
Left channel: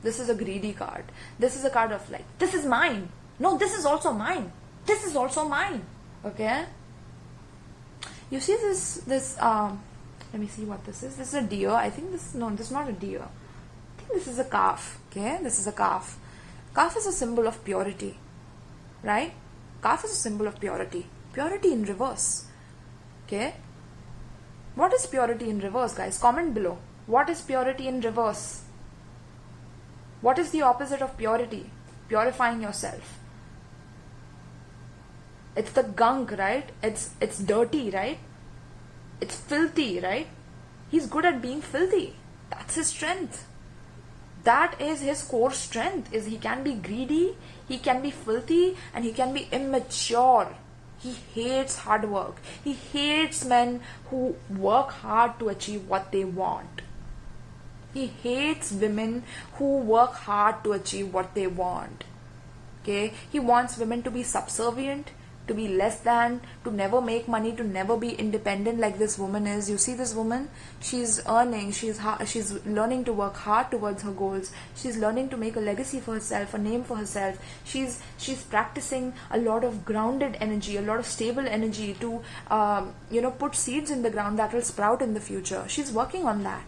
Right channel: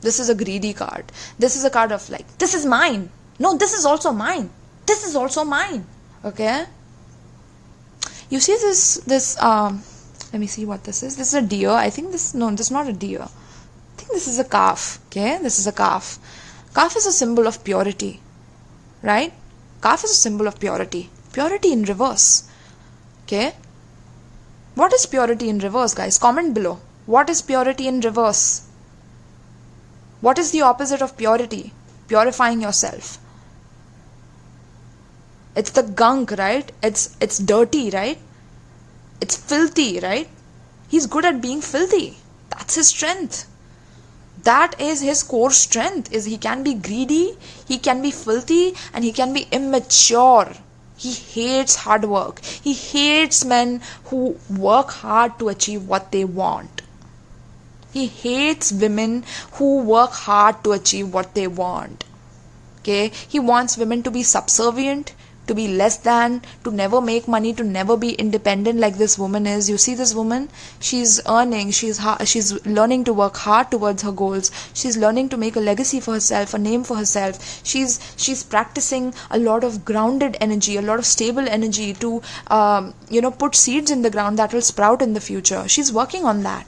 This is a greedy card. This is a card of like, this is mine. No, this is also mine. This is also mine. Okay. You see this let me see what this is. This is a deer. I think this is not a deer. I think this is a calf. Okay. This is a calf. Calf is a symbol of purity. Right? Calf is a symbol of purity. Purity in reverse. Okay. What is purity in reverse, guys? Comment below. What is purity in reverse? What is the opposite of purity? Purifying yourself. It's the gunk, right? It's dirty, right? It's filthy, right? He's good at being filthy. That's his strength. That is his core strength, is he can be greedy, he can be filthy, and he can be immature. He hates hard work. He hates men who work hard to achieve what they want. He hates women who work hard to achieve what they want. Okay? He wants women to be subservient, to be less than, to never make money, to never be independent like this woman is. You see this woman? She's earning, she's learning to work hard towards her goals. She's learning to make a legacy for herself, a name for herself. She's practicing a lot of grounded energy, a lot of stable energy to put seeds in the ground that will sprout in the future. She's working on that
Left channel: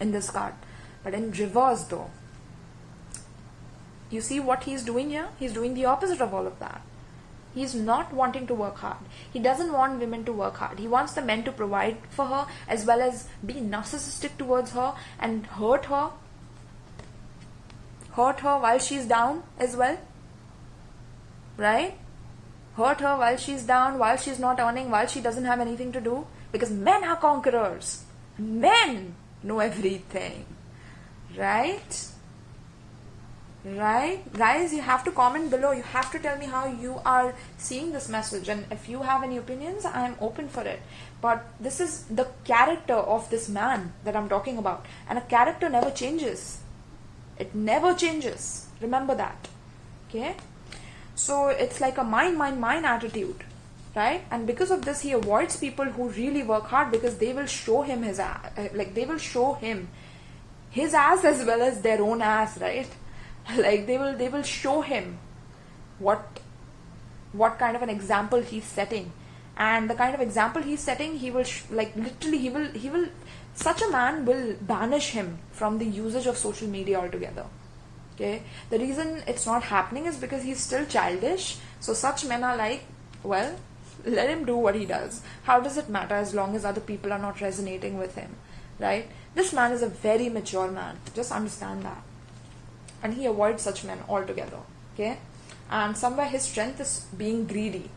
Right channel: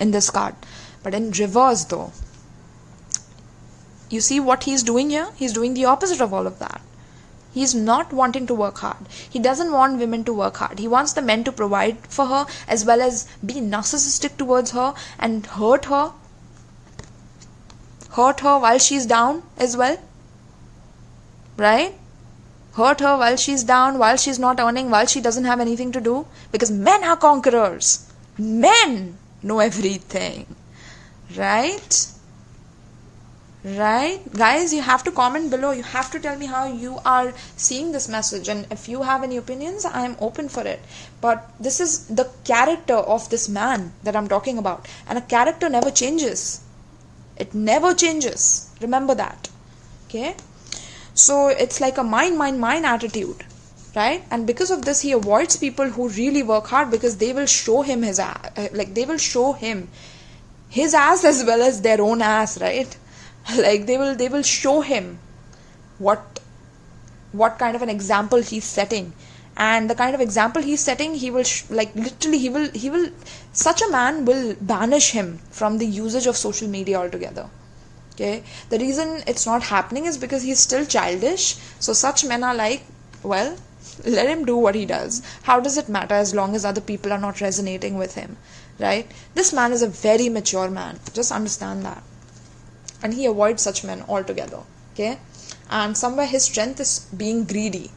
in this card. But in reverse though, you see what he's doing here? He's doing the opposite of all of that. He's not wanting to work hard. He doesn't want women to work hard. He wants the men to provide for her as well as be narcissistic towards her and hurt her while she's down as well. Right? Hurt her while she's down, while she's not earning, while she doesn't have anything to do. Because men are conquerors. Men know everything. Right? Right? Guys, you have to comment below. You have to tell me how you are seeing this message. And if you have any opinions, I am open for it. But this is the character of this man that I'm talking about. And a character never changes. It never changes. Remember that. Okay? So it's like a mine attitude. Right? And because of this, he avoids people who really work hard because they will show him his ass. They will show him his ass as well as their own ass, right? Like they will show him what kind of an example he's setting, and the kind of example he's setting, he will such a man will banish him from the usage of social media altogether. Okay, the reason it's not happening is because he's still childish. So such men are like, well, let him do what he does. How does it matter as long as other people are not resonating with him, right? This man is a very mature man. Just understand that. And he avoids such men altogether. Okay? And somewhere his strength is being greedy.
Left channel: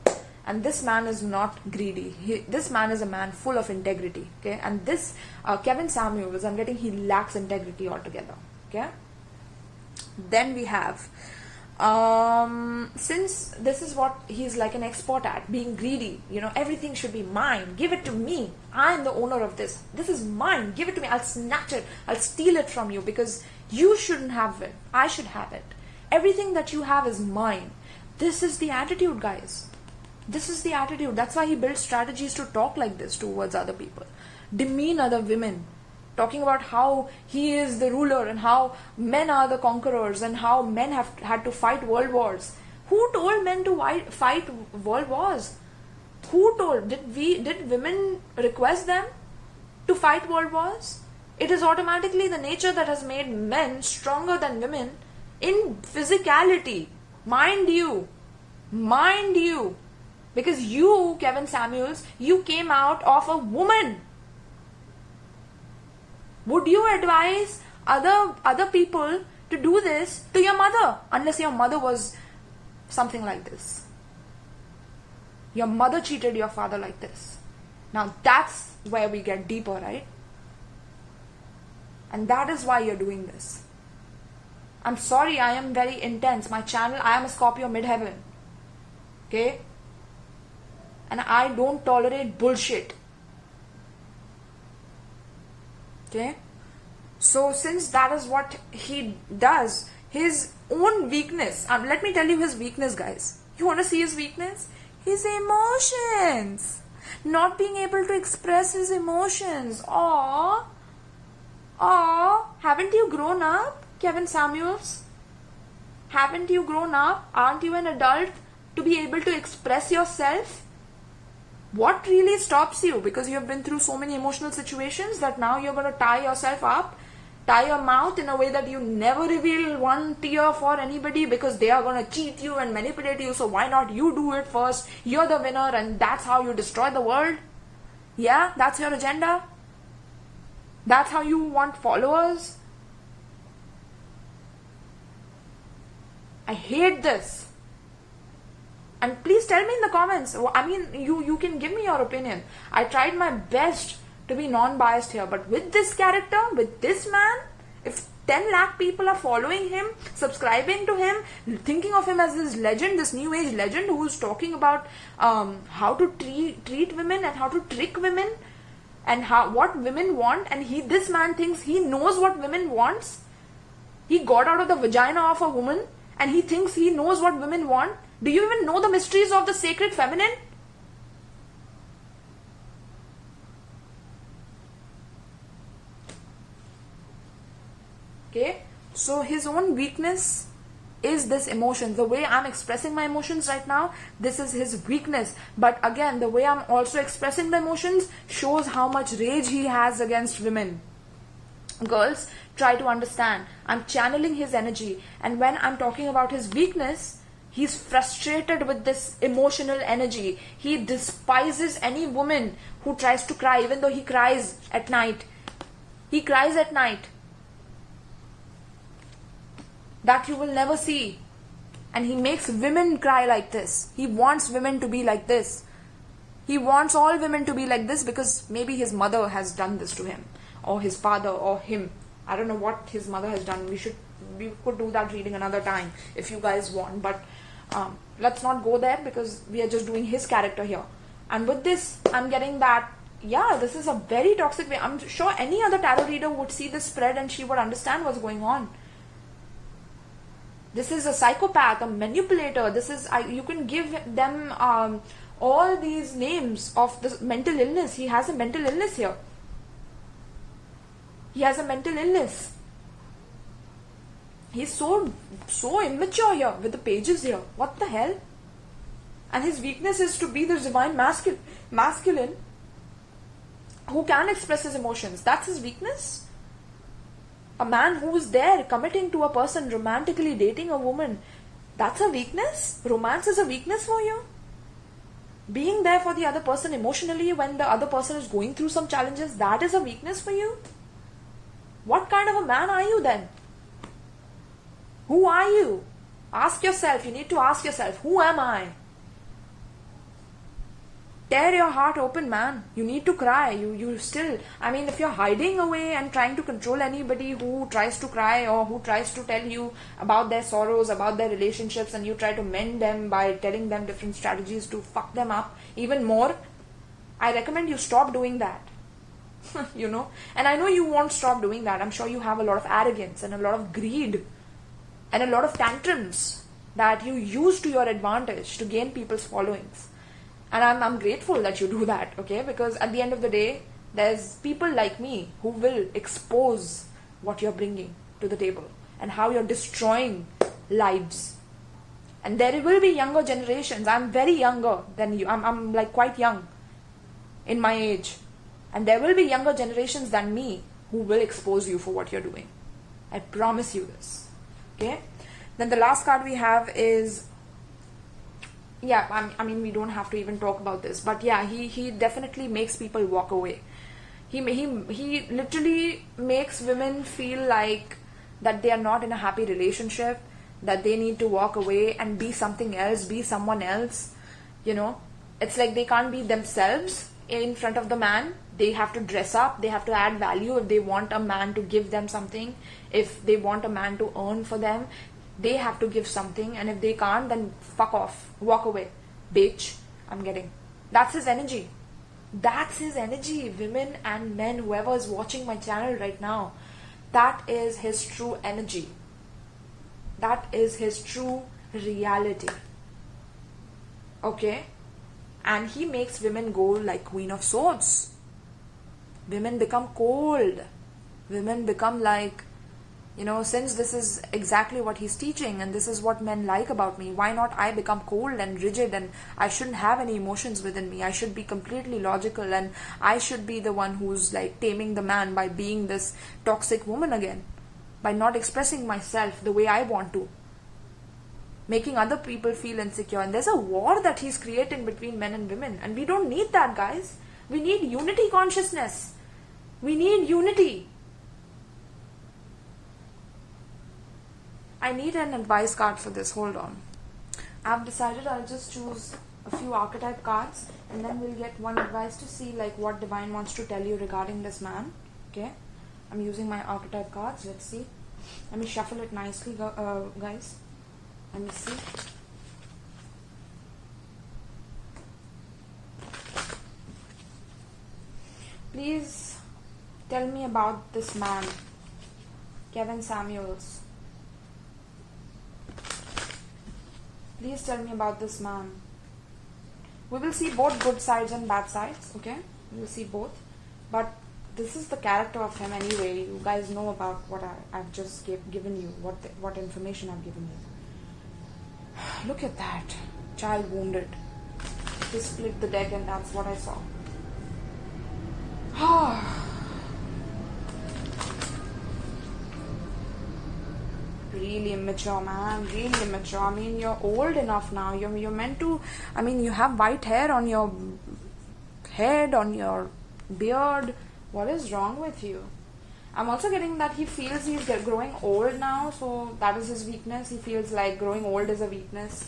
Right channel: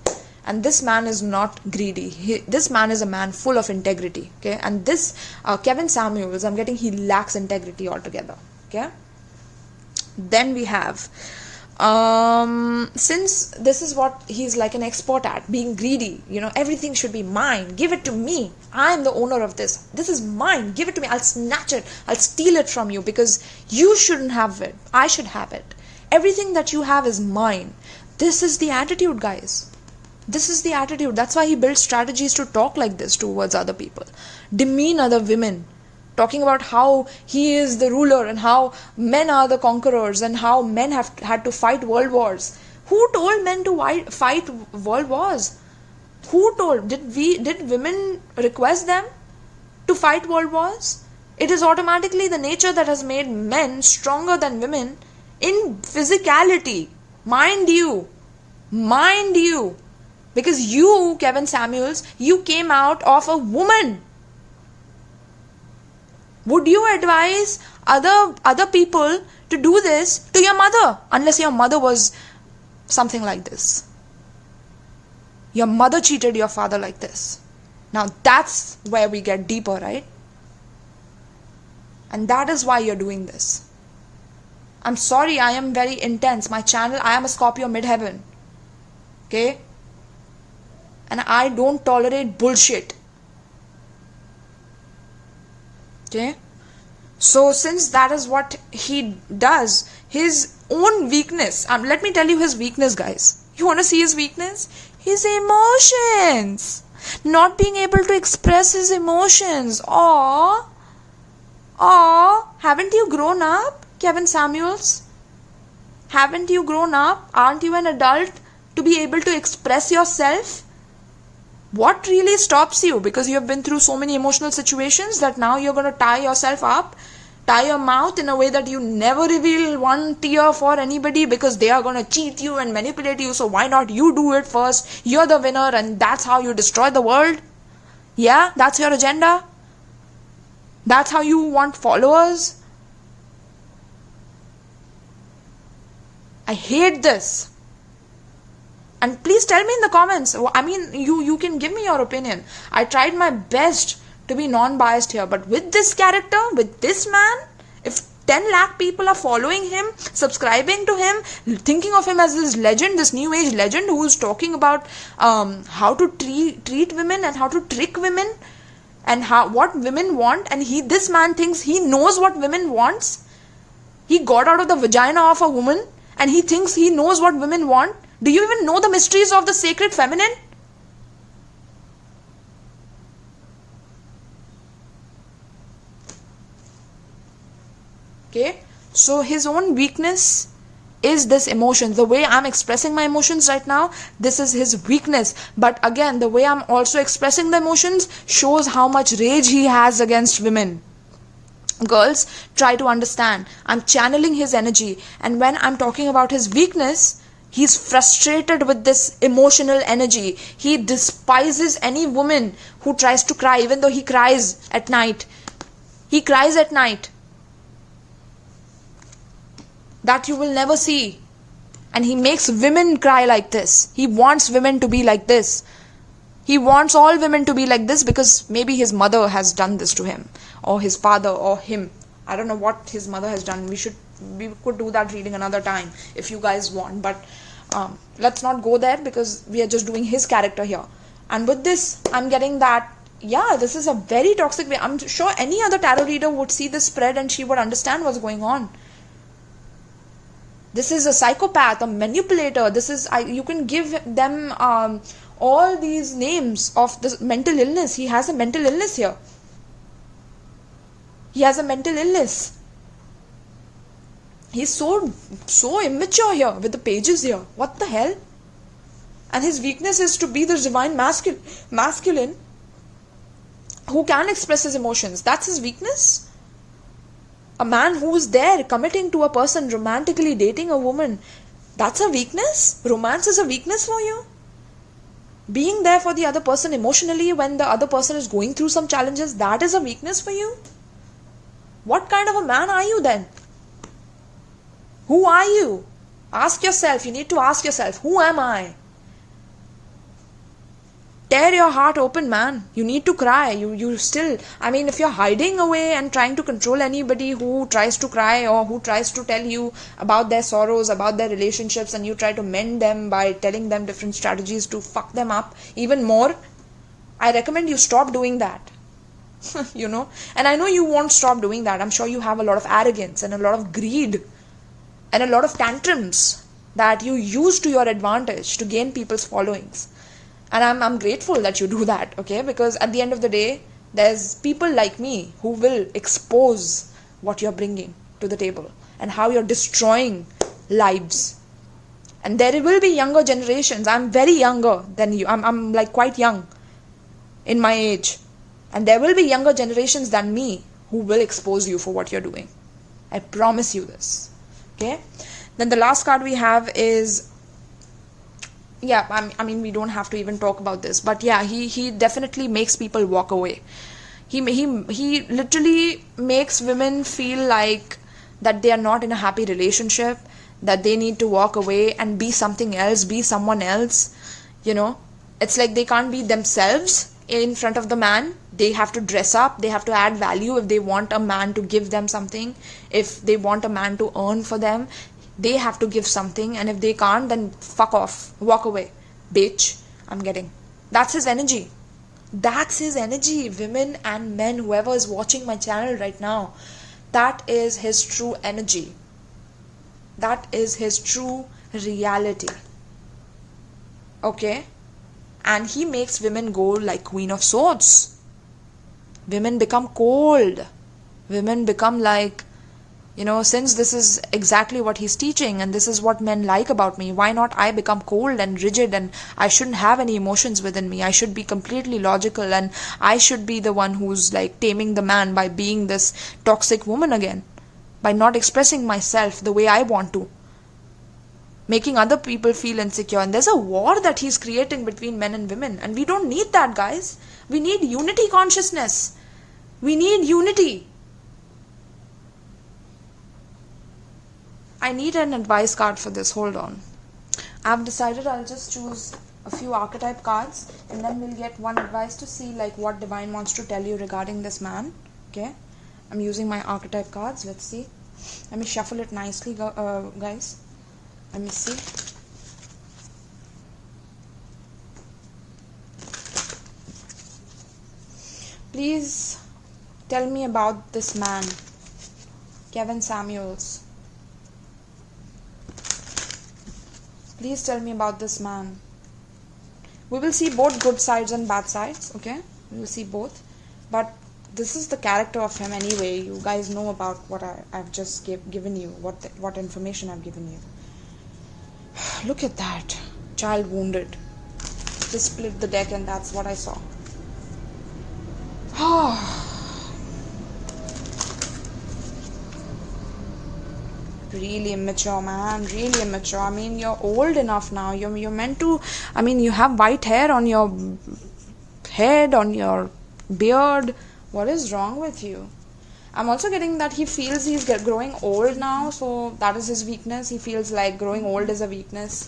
And this man is not greedy. This man is a man full of integrity. Okay? And this Kevin Samuels, I'm getting he lacks integrity altogether. Okay? Then we have, since this is what he's like an expert at, being greedy, everything should be mine, give it to me, I'm the owner of this is mine, give it to me, I'll snatch it, I'll steal it from you because you shouldn't have it, I should have it, everything that you have is mine. This is the attitude, guys. This is the attitude. That's why he builds strategies to talk like this towards other people, demean other women, talking about how he is the ruler and how men are the conquerors and how men have had to fight world wars. Who told men to fight world wars? Who told? Did women request them to fight world wars? It is automatically the nature that has made men stronger than women in physicality. Mind you. Because you, Kevin Samuels, you came out of a woman. Would you advise other people to do this to your mother? Unless your mother was something like this. Your mother cheated your father like this. Now that's where we get deeper, right? And that is why you're doing this. I'm sorry, I am very intense. My channel, I am a Scorpio midheaven. Okay? And I don't tolerate bullshit. Okay, so since that is what he does, his own weakness, let me tell you his weakness, guys. You want to see his weakness? His emotions. Not being able to express his emotions. Haven't you grown up, Kevin Samuels? Haven't you grown up? Aren't you an adult to be able to express yourself? What really stops you? Because you have been through so many emotional situations that now you're going to tie yourself up, tie your mouth in a way that you never reveal one tear for anybody because they are going to cheat you and manipulate you. So why not you do it first? You're the winner and that's how you destroy the world. Yeah, that's your agenda. That's how you want followers. I hate this. And please tell me in the comments. I mean, you can give me your opinion. I tried my best to be non-biased here. But with this character, with this man, if 10 lakh people are following him, subscribing to him, thinking of him as this legend, this new age legend who's talking about how to treat women and how to trick women and what women want. And this man thinks he knows what women wants. He got out of the vagina of a woman and he thinks he knows what women want. Do you even know the mysteries of the sacred feminine? Okay, so his own weakness is this emotion. The way I'm expressing my emotions right now, this is his weakness. But again, the way I'm also expressing the emotions shows how much rage he has against women. Girls, try to understand. I'm channeling his energy, and when I'm talking about his weakness, he's frustrated with this emotional energy. He despises any woman who tries to cry, even though he cries at night. He cries at night. That you will never see. And he makes women cry like this. He wants women to be like this. He wants all women to be like this because maybe his mother has done this to him, or his father, or him. I don't know what his mother has done. We could do that reading another time if you guys want, but let's not go there because we are just doing his character here. And with this, I'm getting that, yeah, this is a very toxic way. I'm sure any other tarot reader would see this spread and she would understand what's going on. This is a psychopath, a manipulator. This is, you can give them all these names of this mental illness. He has a mental illness here. He has a mental illness. He's so immature here with the pages here. What the hell? And his weakness is to be the divine masculine who can express his emotions. That's his weakness. A man who is there committing to a person, romantically dating a woman, that's a weakness? Romance is a weakness for you? Being there for the other person emotionally when the other person is going through some challenges, that is a weakness for you? What kind of a man are you then? Who are you? Ask yourself, you need to ask yourself, who am I? Tear your heart open, man. You need to cry. You still, I mean, if you're hiding away and trying to control anybody who tries to cry or who tries to tell you about their sorrows, about their relationships, and you try to mend them by telling them different strategies to fuck them up even more, I recommend you stop doing that. You know? And I know you won't stop doing that. I'm sure you have a lot of arrogance and a lot of greed and a lot of tantrums that you use to your advantage to gain people's followings. And I'm grateful that you do that, okay? Because at the end of the day, there's people like me who will expose what you're bringing to the table and how you're destroying lives. And there will be younger generations. I'm very younger than you. I'm like quite young in my age. And there will be younger generations than me who will expose you for what you're doing. I promise you this, okay? Then the last card we have is, yeah, I mean, we don't have to even talk about this, but yeah, he definitely makes people walk away. He literally makes women feel like that they are not in a happy relationship, that they need to walk away and be something else, be someone else, you know. It's like they can't be themselves in front of the man. They have to dress up, they have to add value if they want a man to give them something, if they want a man to earn for them. They have to give something, and if they can't, then fuck off, walk away, bitch. I'm getting, that's his energy. That's his energy. Women and men, whoever is watching my channel right now, that is his true energy. That is his true reality, okay? And he makes women go like Queen of Swords. Women become cold. Women become like, you know, since this is exactly what he's teaching and this is what men like about me, why not I become cold and rigid, and I shouldn't have any emotions within me. I should be completely logical, and I should be the one who's like taming the man by being this toxic woman again, by not expressing myself the way I want to, making other people feel insecure. And there's a war that he's creating between men and women, and we don't need that, guys. We need unity consciousness. We need unity. I need an advice card for this. Hold on. I've decided I'll just choose a few archetype cards and then we'll get one advice to see like what divine wants to tell you regarding this man. Okay, I'm using my archetype cards. Let's see. Let me shuffle it nicely, guys. Let me see. Please tell me about this man, Kevin Samuels. Please tell me about this man. We will see both good sides and bad sides, okay? We will see both. But this is the character of him anyway. You guys know about what I've just given you, what information I've given you. Look at that. Child wounded. Just split the deck and that's what I saw. Really immature, man. Really immature. I mean, you're old enough now. You're meant to... I mean, you have white hair on your head, on your beard. What is wrong with you? I'm also getting that he feels he's growing old now. So that is his weakness. He feels like growing old is a weakness.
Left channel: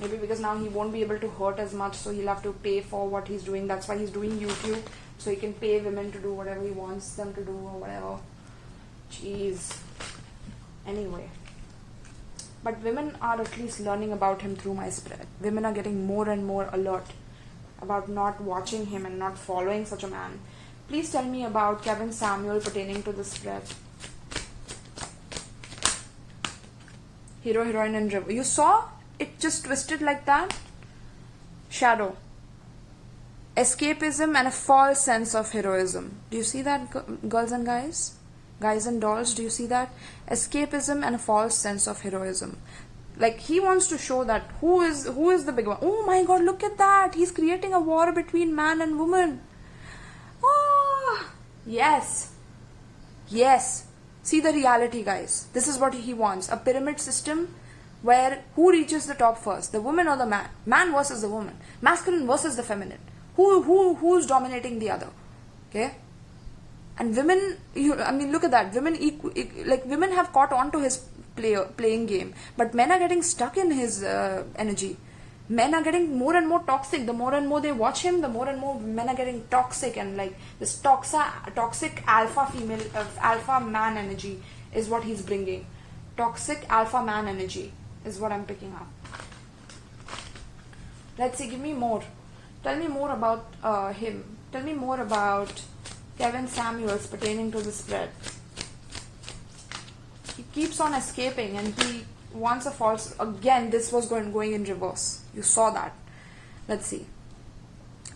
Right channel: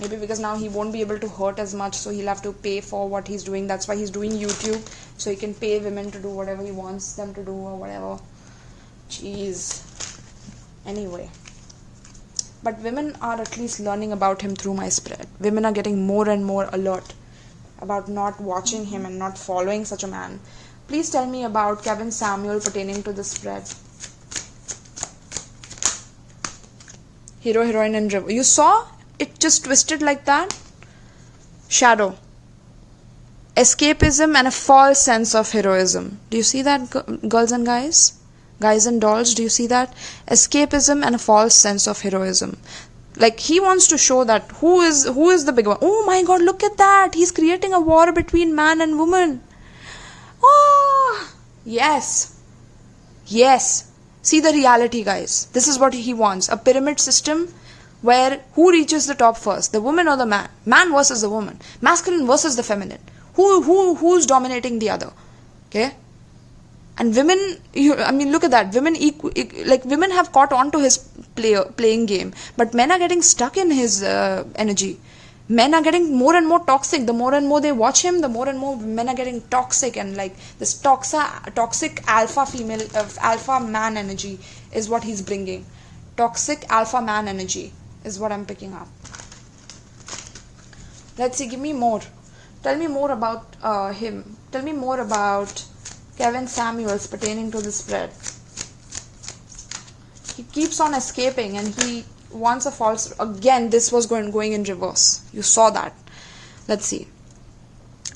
Maybe because now he won't be able to hurt as much. So he'll have to pay for what he's doing. That's why he's doing YouTube. So he can pay women to do whatever he wants them to do or whatever. Jeez. Anyway. But women are at least learning about him through my spread. Women are getting more and more alert about not watching him and not following such a man. Please tell me about Kevin Samuel pertaining to the spread. Hero, heroine and river. You saw? It just twisted like that. Shadow. Escapism and a false sense of heroism. Do you see that, girls and guys? Guys and dolls, do you see that? Escapism and a false sense of heroism. Like, he wants to show that who is the big one. Oh my god, look at that. He's creating a war between man and woman. Oh, yes. Yes. See the reality, guys. This is what he wants. A pyramid system where who reaches the top first? The woman or the man? Man versus the woman. Masculine versus the feminine. Who's dominating the other? Okay? And women, I mean, look at that. Women women have caught on to his playing game, but men are getting stuck in his energy. Men are getting more and more toxic. The more and more they watch him, the more and more men are getting toxic, and like this toxic alpha man energy is what he's bringing. Toxic alpha man energy is what I'm picking up. Let's see. Give me more. Tell me more about him. Tell me more about Kevin Samuels pertaining to the spread. He keeps on escaping and he wants a false... Again, this was going in reverse. You saw that. Let's see.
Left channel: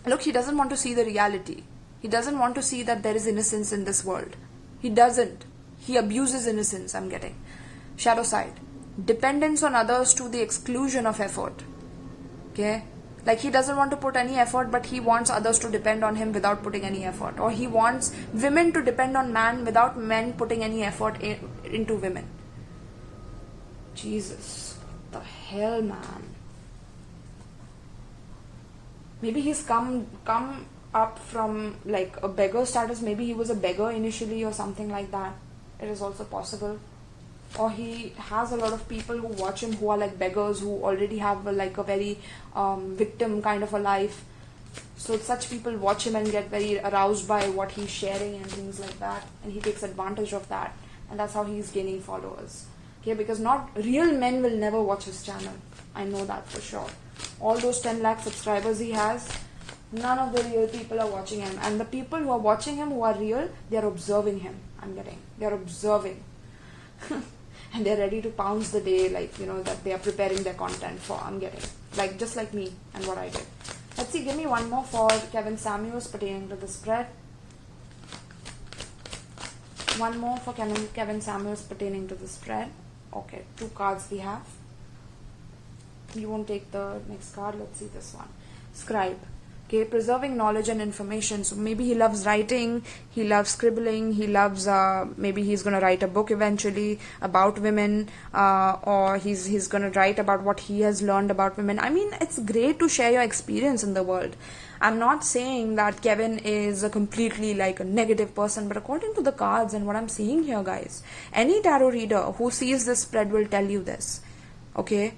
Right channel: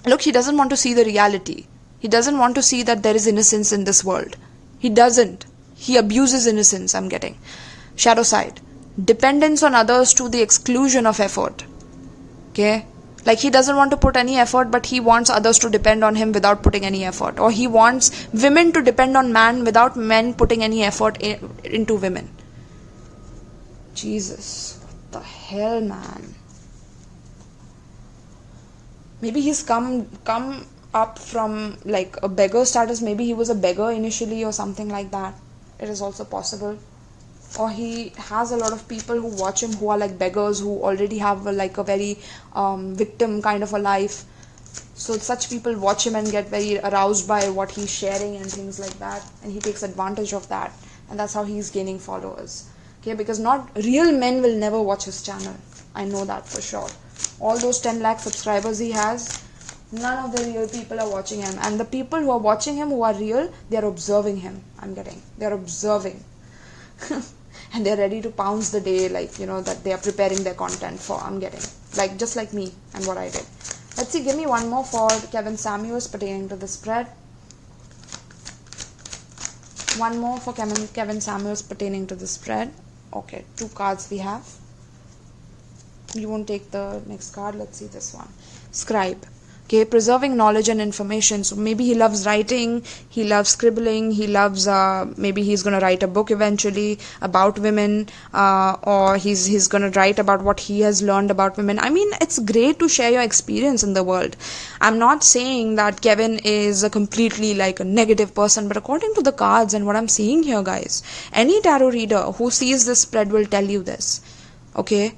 Look, he doesn't want to see the reality. He doesn't want to see that there is innocence in this world. He doesn't. He abuses innocence, I'm getting. Shadow side. Dependence on others to the exclusion of effort. Okay? Like, he doesn't want to put any effort, but he wants others to depend on him without putting any effort. Or he wants women to depend on man without men putting any effort into women. Jesus. What the hell, man? Maybe he's come up from like a beggar status. Maybe he was a beggar initially or something like that. It is also possible. Or he has a lot of people who watch him who are like beggars, who already have like a very victim kind of a life. So such people watch him and get very aroused by what he's sharing and things like that, and he takes advantage of that, and that's how he's gaining followers. Okay, because not real men will never watch his channel. I know that for sure. All those 10 lakh subscribers he has, none of the real people are watching him, and the people who are watching him who are real, they are observing him. They're observing. And they're ready to pounce the day, like, you know, that they are preparing their content for. I'm getting, like, just like me and what I did. Let's see, give me one more for Kevin Samuels pertaining to the spread. One more for Kevin Samuels pertaining to the spread. Okay, 2 cards we have. You won't take the next card. Let's see this one. Scribe. Okay, preserving knowledge and information. So maybe he loves writing, he loves scribbling, he loves, maybe he's going to write a book eventually about women, or he's going to write about what he has learned about women. I mean, it's great to share your experience in the world. I'm not saying that Kevin is a completely like a negative person, but according to the cards and what I'm seeing here, guys, any tarot reader who sees this spread will tell you this. Okay?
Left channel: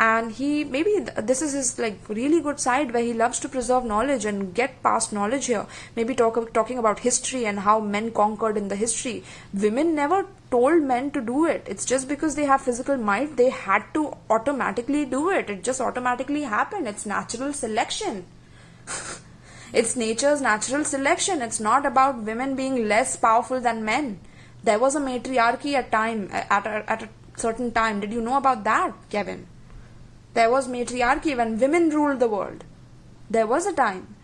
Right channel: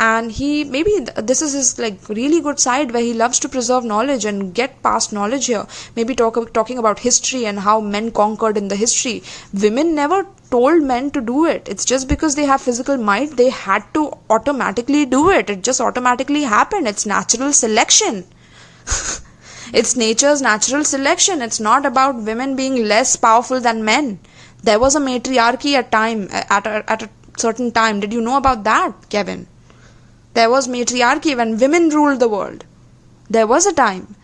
and he maybe this is his like really good side where he loves to preserve knowledge and get past knowledge here. Maybe talking about history and how men conquered in the history. Women never told men to do it. It's just because they have physical might, they had to automatically do it. It just automatically happened. It's natural selection. It's nature's natural selection. It's not about women being less powerful than men. There was a matriarchy at a certain time. Did you know about that, Kevin? There was matriarchy when women ruled the world. There was a time.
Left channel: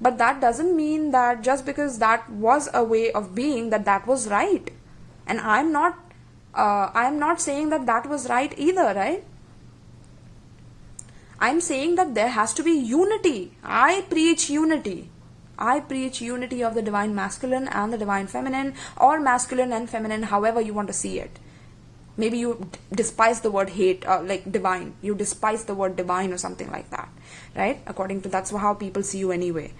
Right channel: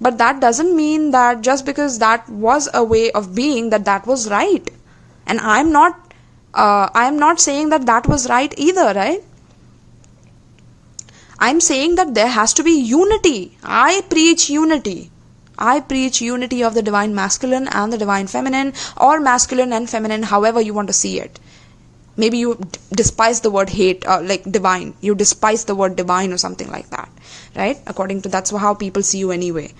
But that doesn't mean that just because that was a way of being, that was right. And I'm not saying that was right either, right? I'm saying that there has to be unity. I preach unity. I preach unity of the divine masculine and the divine feminine, or masculine and feminine, however you want to see it. Maybe you despise the word hate, like divine. You despise the word divine or something like that, right? According to that's how people see you anyway.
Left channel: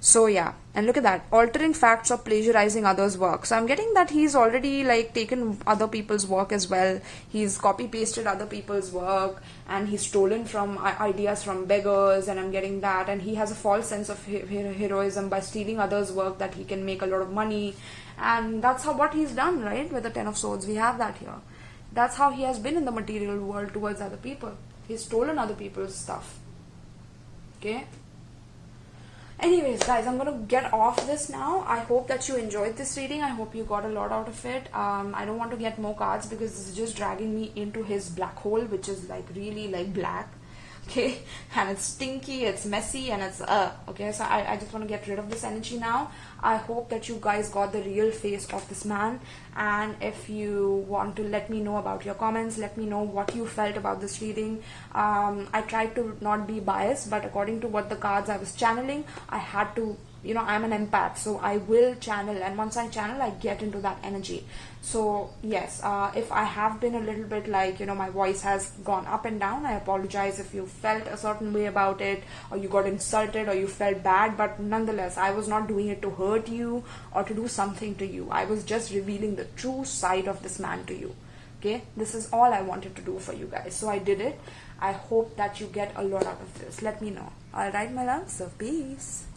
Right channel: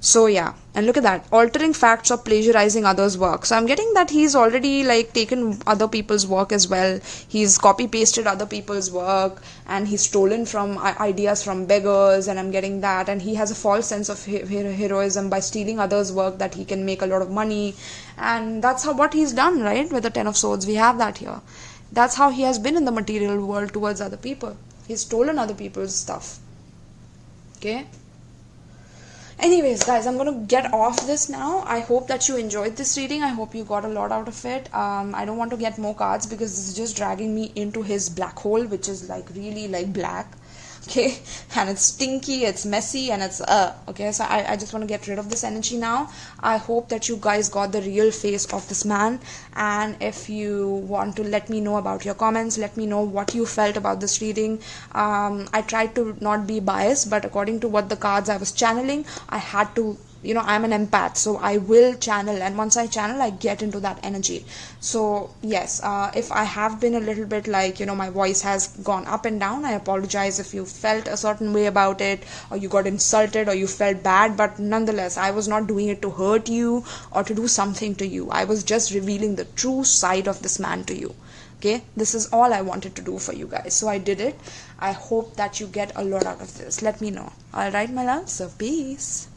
So yeah, and look at that, altering facts or plagiarizing others' work. So I'm getting that he's already like taken other people's work as well. He's copy pasted other people's work, and he's stolen from ideas from beggars, and I'm getting that. And he has a false sense of heroism by stealing others' work that he can make a lot of money, and that's what he's done, right? With the 10 of Swords, we have that here. That's how he has been in the material world towards other people. He's stolen other people's stuff. Okay. Anyways, guys, I'm going to get off this now. I hope that you enjoyed this reading. I hope you got a lot out of it. I don't want to get more cards because this is just dragging me into his black hole, which is like really like black. Okay, and it's stinky, it's messy, and it's okay, so I just want to get rid of this energy now. I hope that you guys got the real face of this man, and if you want to let me know about your comments, let me know what you felt about this reading. I tried to not be biased, but according to what the cards I was channeling, I had to, you know, I'm an empath, so I will channel, and once I channel, I get into that energy. So yes, if I have been a little bit like, you know, my voice has gone up and down, I apologize if you felt a certain way about it, or you got insulted, or you felt bad, but nonetheless, I was not doing it to hurt you or to do something to you. I was just revealing the true side of this man to you. Okay, this is all I wanted to do for you guys, so I did it. I hope that you get a lot out of this. Let me know. All right, my love, so peace.